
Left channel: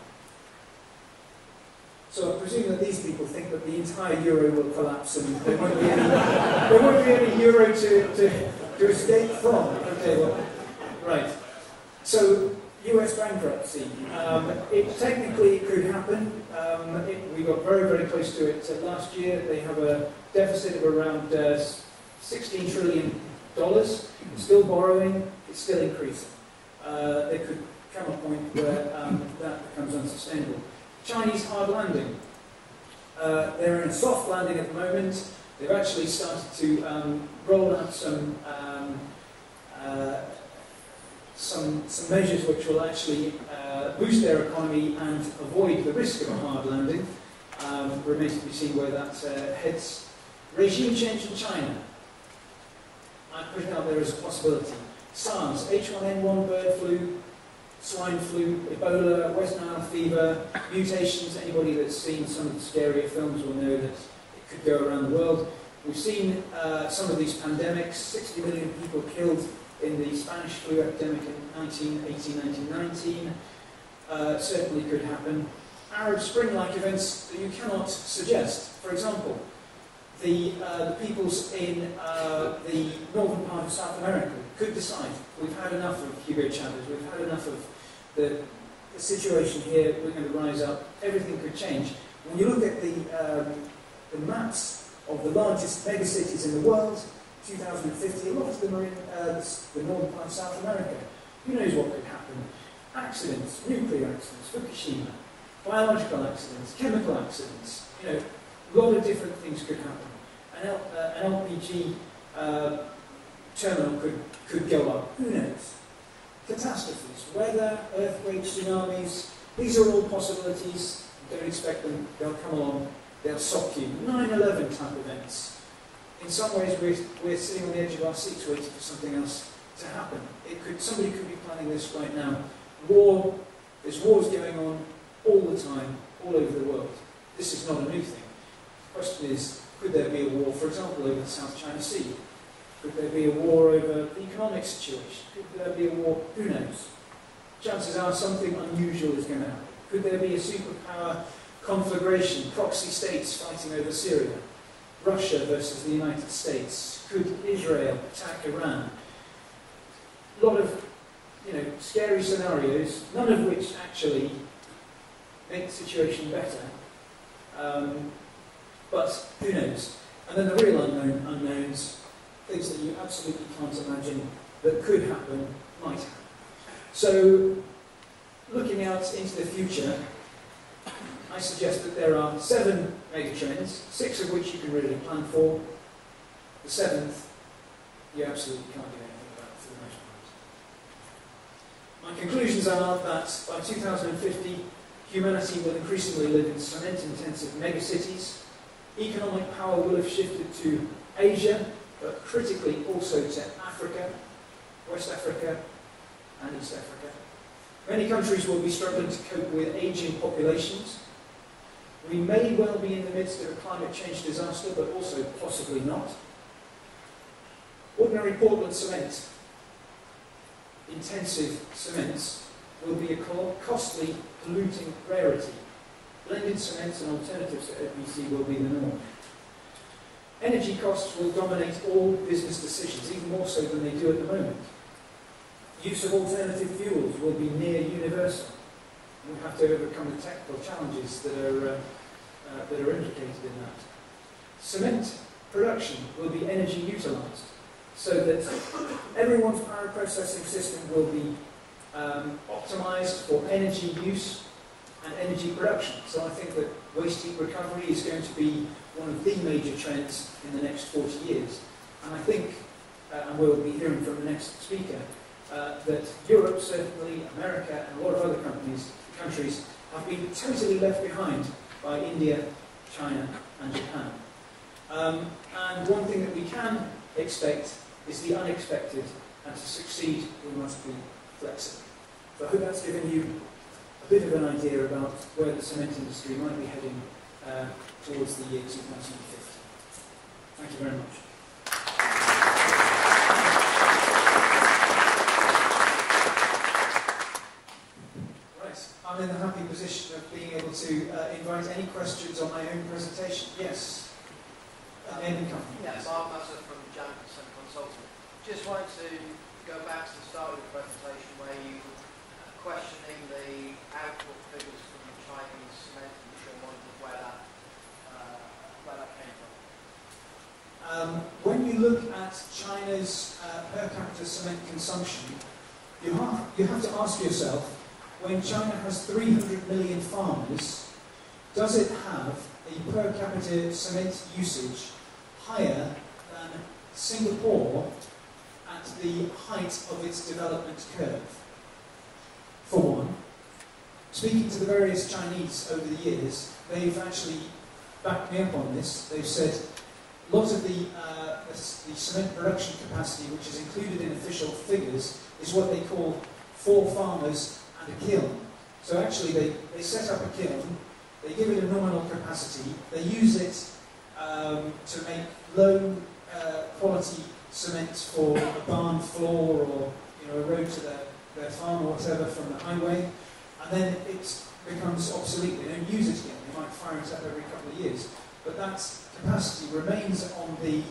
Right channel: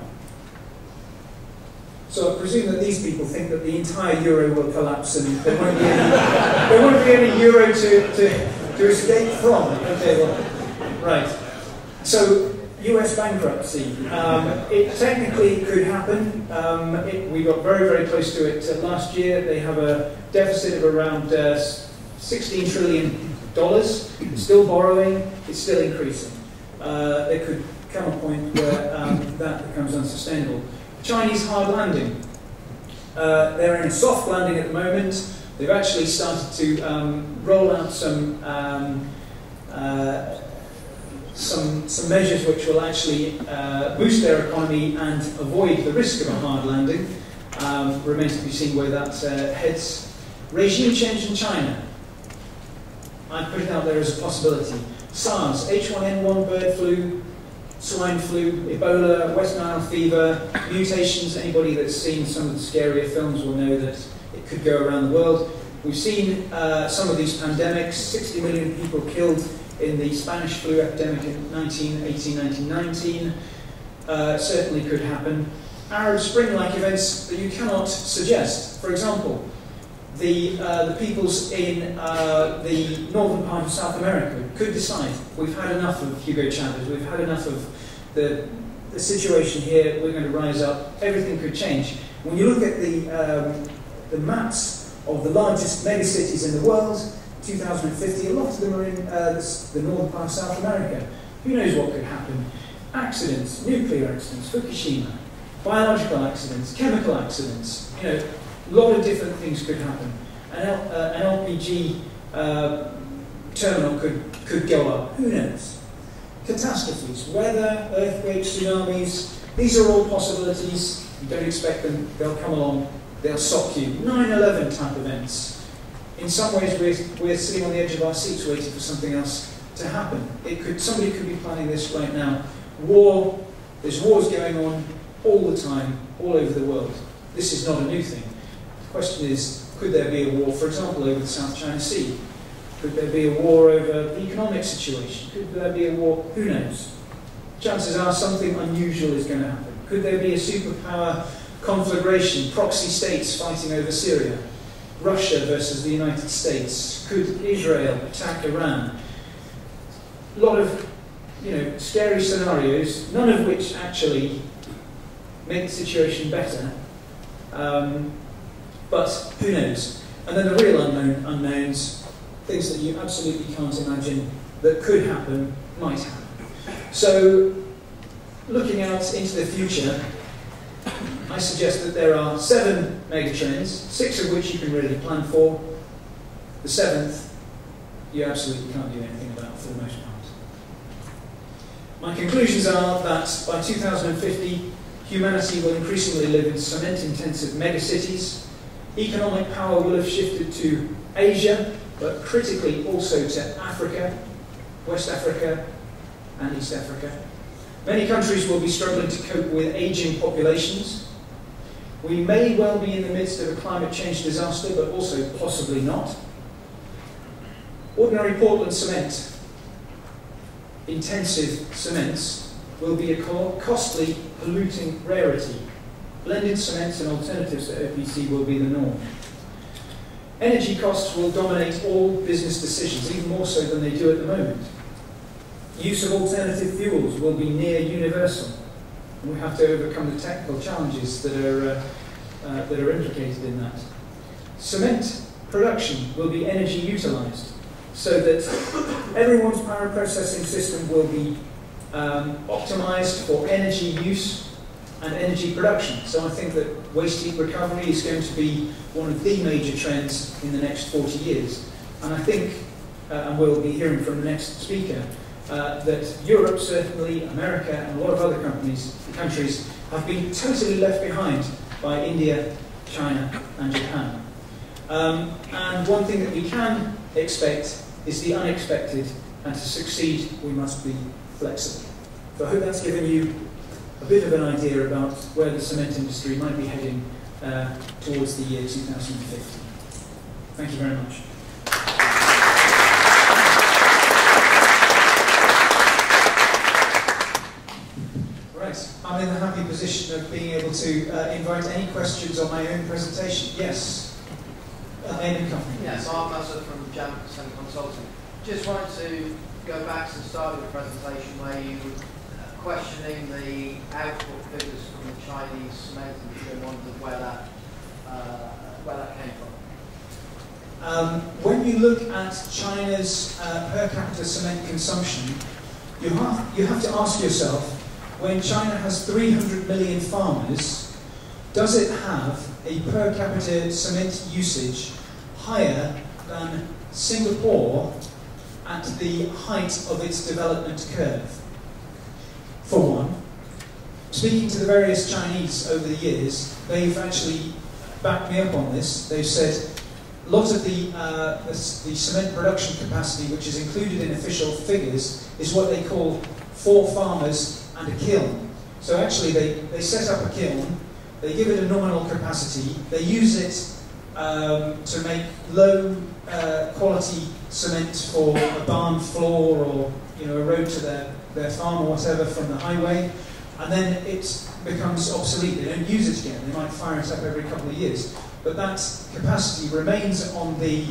So I presume that these people think that the entire euro will collapse and there won't be any euro to escape from. Okay, well, right. So, US bankruptcy. It technically could happen. We got very, very close to it last year. They have a deficit of around $16 trillion. Still borrowing, it's still increasing. There could come a point where that becomes unsustainable. Chinese hard landing. They're in a soft landing at the moment. They've actually started to roll out some measures which will actually boost their economy and avoid the risk of a hard landing. Remains to be seen where that heads. Regime change in China. I put it out there as a possibility. SARS, H1N1 bird flu, swine flu, Ebola, West Nile fever, mutations. Anybody that's seen some of the scarier films will know that it could go around the world. We've seen some of these pandemics, 60 million people killed in the Spanish flu epidemic in 1918-1919. Certainly could happen. Arab Spring-like events that you cannot suggest. For example, the peoples in the northern part of South America could decide, we've had enough of Hugo Chavez, we've had enough of the the situation here, we're going to rise up, everything could change. When you look at the maps of the largest megacities in the world, 2050, a lot of them are in the northern part of South America. Who knows what could happen? Accidents, nuclear accidents, Fukushima, biological accidents, chemical accidents, you know, a lot of different things could happen. An LPG terminal could go up, who knows? Catastrophes, weather, earthquakes, tsunamis, these are all possibilities. You don't expect them, they'll come along, they'll shock you. 9/11 type events. In some ways we're sitting on the edge of our seats waiting for something else to happen. Somebody could be planning this right now. War, there's wars going on all the time, all over the world. This is not a new thing. The question is, could there be a war, for example, over the South China Sea? Could there be a war over the economic situation? Could there be a war? Who knows? Chances are something unusual is going to happen. Could there be a superpower conflagration, proxy states fighting over Syria? Russia versus the United States? Could Israel attack Iran? A lot of, you know, scary scenarios, none of which actually make the situation better. But who knows? And then the real unknowns, things that you absolutely can't imagine that could happen, might happen. So, looking out into the future, I suggest that there are 7 megatrends, 6 of which you can really plan for. The 7th, you absolutely can't do anything about for the most part. My conclusions are that by 2050, humanity will increasingly live in cement-intensive megacities. Economic power will have shifted to Asia, but critically also to Africa, West Africa, and East Africa. Many countries will be struggling to cope with aging populations. We may well be in the midst of a climate change disaster, but also possibly not. Ordinary Portland cement, intensive cements, will be a costly, polluting rarity. Blended cements and alternatives to OPC will be the norm. Energy costs will dominate all business decisions, even more so than they do at the moment. Use of alternative fuels will be near universal, and we have to overcome the technical challenges that are implicated in that. Cement production will be energy utilised, so that everyone's power processing system will be optimised for energy use and energy production. So I think that waste heat recovery is going to be one of the major trends in the next 40 years. And I think, and we'll be hearing from the next speaker, that Europe, certainly America, and a lot of other countries have been totally left behind by India, China, and Japan. And one thing that we can expect is the unexpected, and to succeed, we must be flexible. So I hope that's given you a bit of an idea about where the cement industry might be heading towards the year 2050. Thank you very much. Right, I'm in the happy position of being able to invite any questions on my own presentation. Yes, name and company. Yes, I'm Asa from Jam Consulting. Just wanted to go back to the start of your presentation where you were questioning the output figures from the Chinese cement industry and wondered where that came from. When you look at China's per capita cement consumption, you have to ask yourself, when China has 300 million farmers, does it have a per capita cement usage higher than Singapore at the height of its development curve? For one, speaking to the various Chinese over the years, they've actually backed me up on this. They've said a lot of the cement production capacity, which is included in official figures, is what they call 4 farmers and a kiln. So actually they set up a kiln, they give it a nominal capacity, they use it to make low quality cement for a barn floor or a road to their farm or whatever from the highway, and then it becomes obsolete. They don't use it again. They might fire it up every couple of years, but that capacity remains on the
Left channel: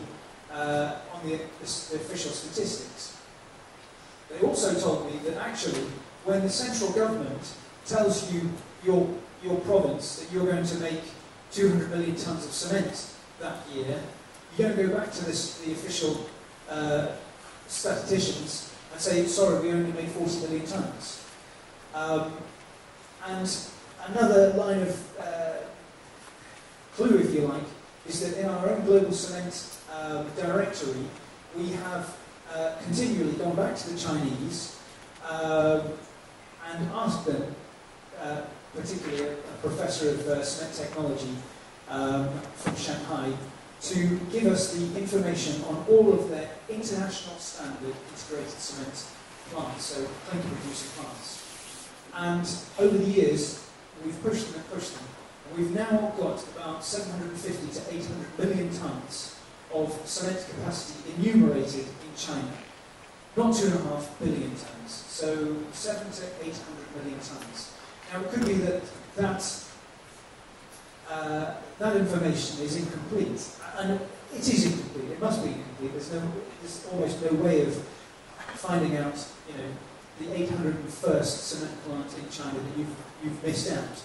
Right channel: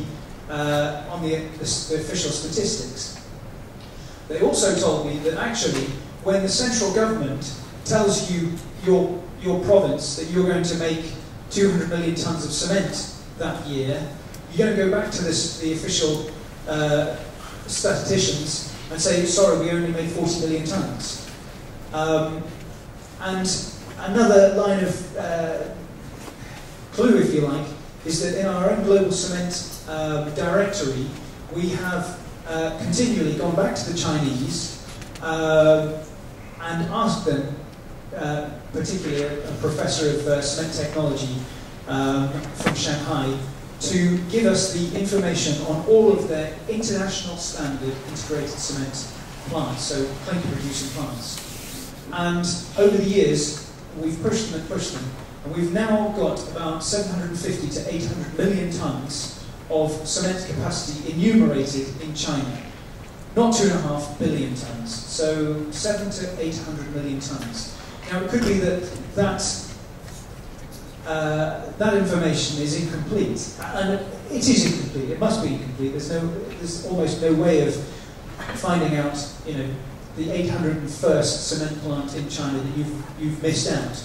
official statistics. They also told me that actually, when the central government tells you your province that you're going to make 200 million tonnes of cement that year, you're going to go back to the official statisticians and say, sorry, we only made 40 million tonnes. And another line of clue, if you like, is that in our own global cement directory, we have continually gone back to the Chinese and asked them, particularly a professor of cement technology from Shanghai, to give us the information on all of their international standard integrated cement plants, so clinker producing plants. And over the years, we've pushed them and pushed them, and we've now got about 750 to 800 million tonnes of cement capacity enumerated in China. Not 2.5 billion tonnes, so 700 to 800 million tonnes. Now it could be that information is incomplete, and it is incomplete. It must be incomplete. There's almost no way of finding out, the 801st cement plant in China that you've missed out.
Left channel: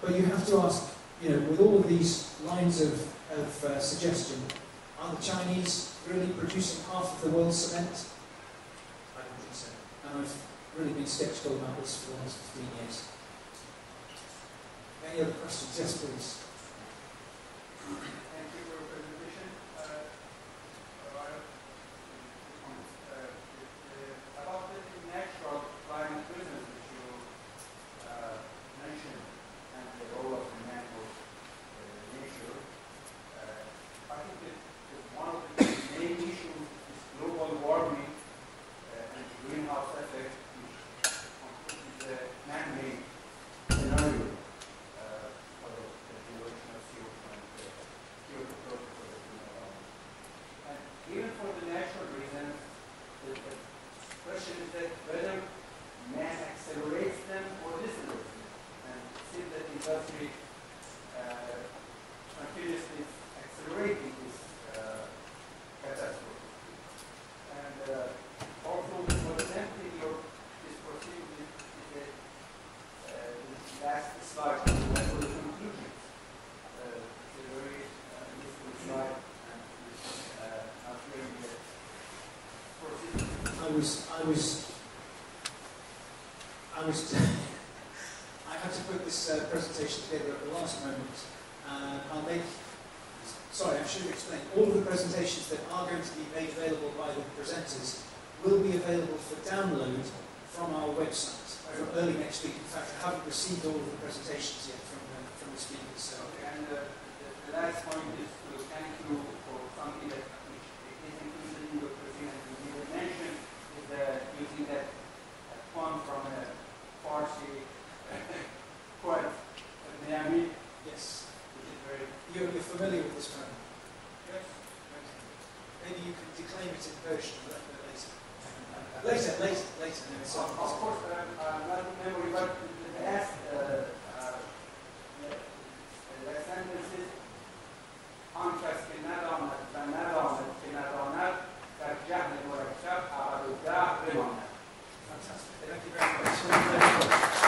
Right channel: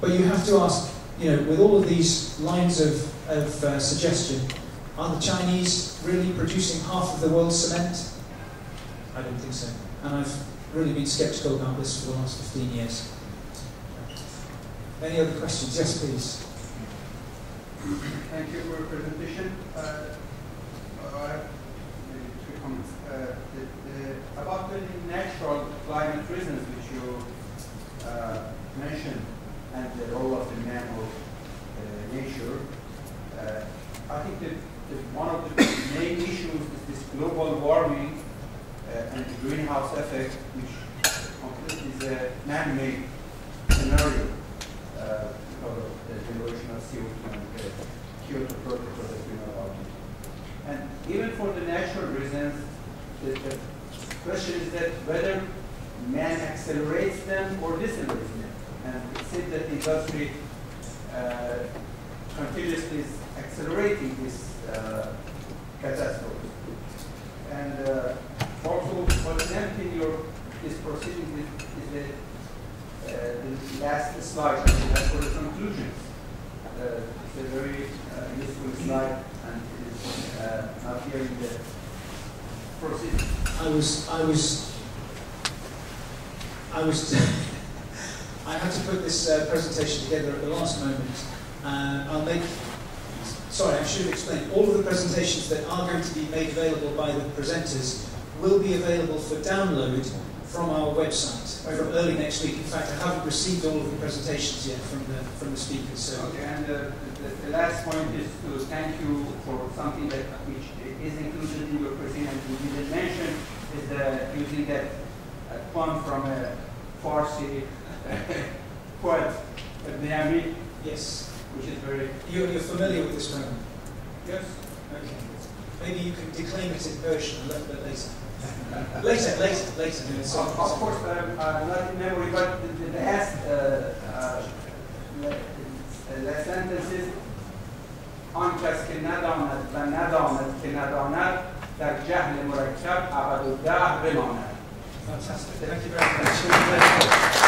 But you have to ask, with all of these lines of suggestion, are the Chinese really producing half of the world's cement? I don't think so. And I've really been sceptical about this for the last 15 years. Any other questions? Yes, please. Thank you for your presentation. I have three comments. About the natural climate reasons which you mentioned and the role of the man or nature, I think that one of the main issues is this global warming and the greenhouse effect, which completely is a man-made scenario because of the generation of CO2 and the Kyoto Protocol that we know about. And even for the natural reasons, the question is that whether man accelerates them or decelerates them. And it seems that the industry continuously is accelerating this catastrophe. And also, what is empty this proceeding is the last slide, that's for the conclusions. It's a very useful slide, and it is not here in the proceeding. I had to put this presentation together at the last moment. Sorry, I should have explained. All of the presentations that are going to be made available by the presenters will be available for download from our website from early next week. In fact, I haven't received all of the presentations yet from the speakers. So. Okay, and the last point is to thank you for something which is included in your presentation and you didn't mention, is using that poem from a Farsi poet, Niami. Yes. Which is very... You're familiar with this poem? Yes. Okay. Maybe you can declaim it in Persian a little bit later. later. Of course, not in memory, but the last sentence is آن کس که نداند و نداند که نداند در جهل مرکب ابد الدهر بماند. Fantastic. Thank you very much.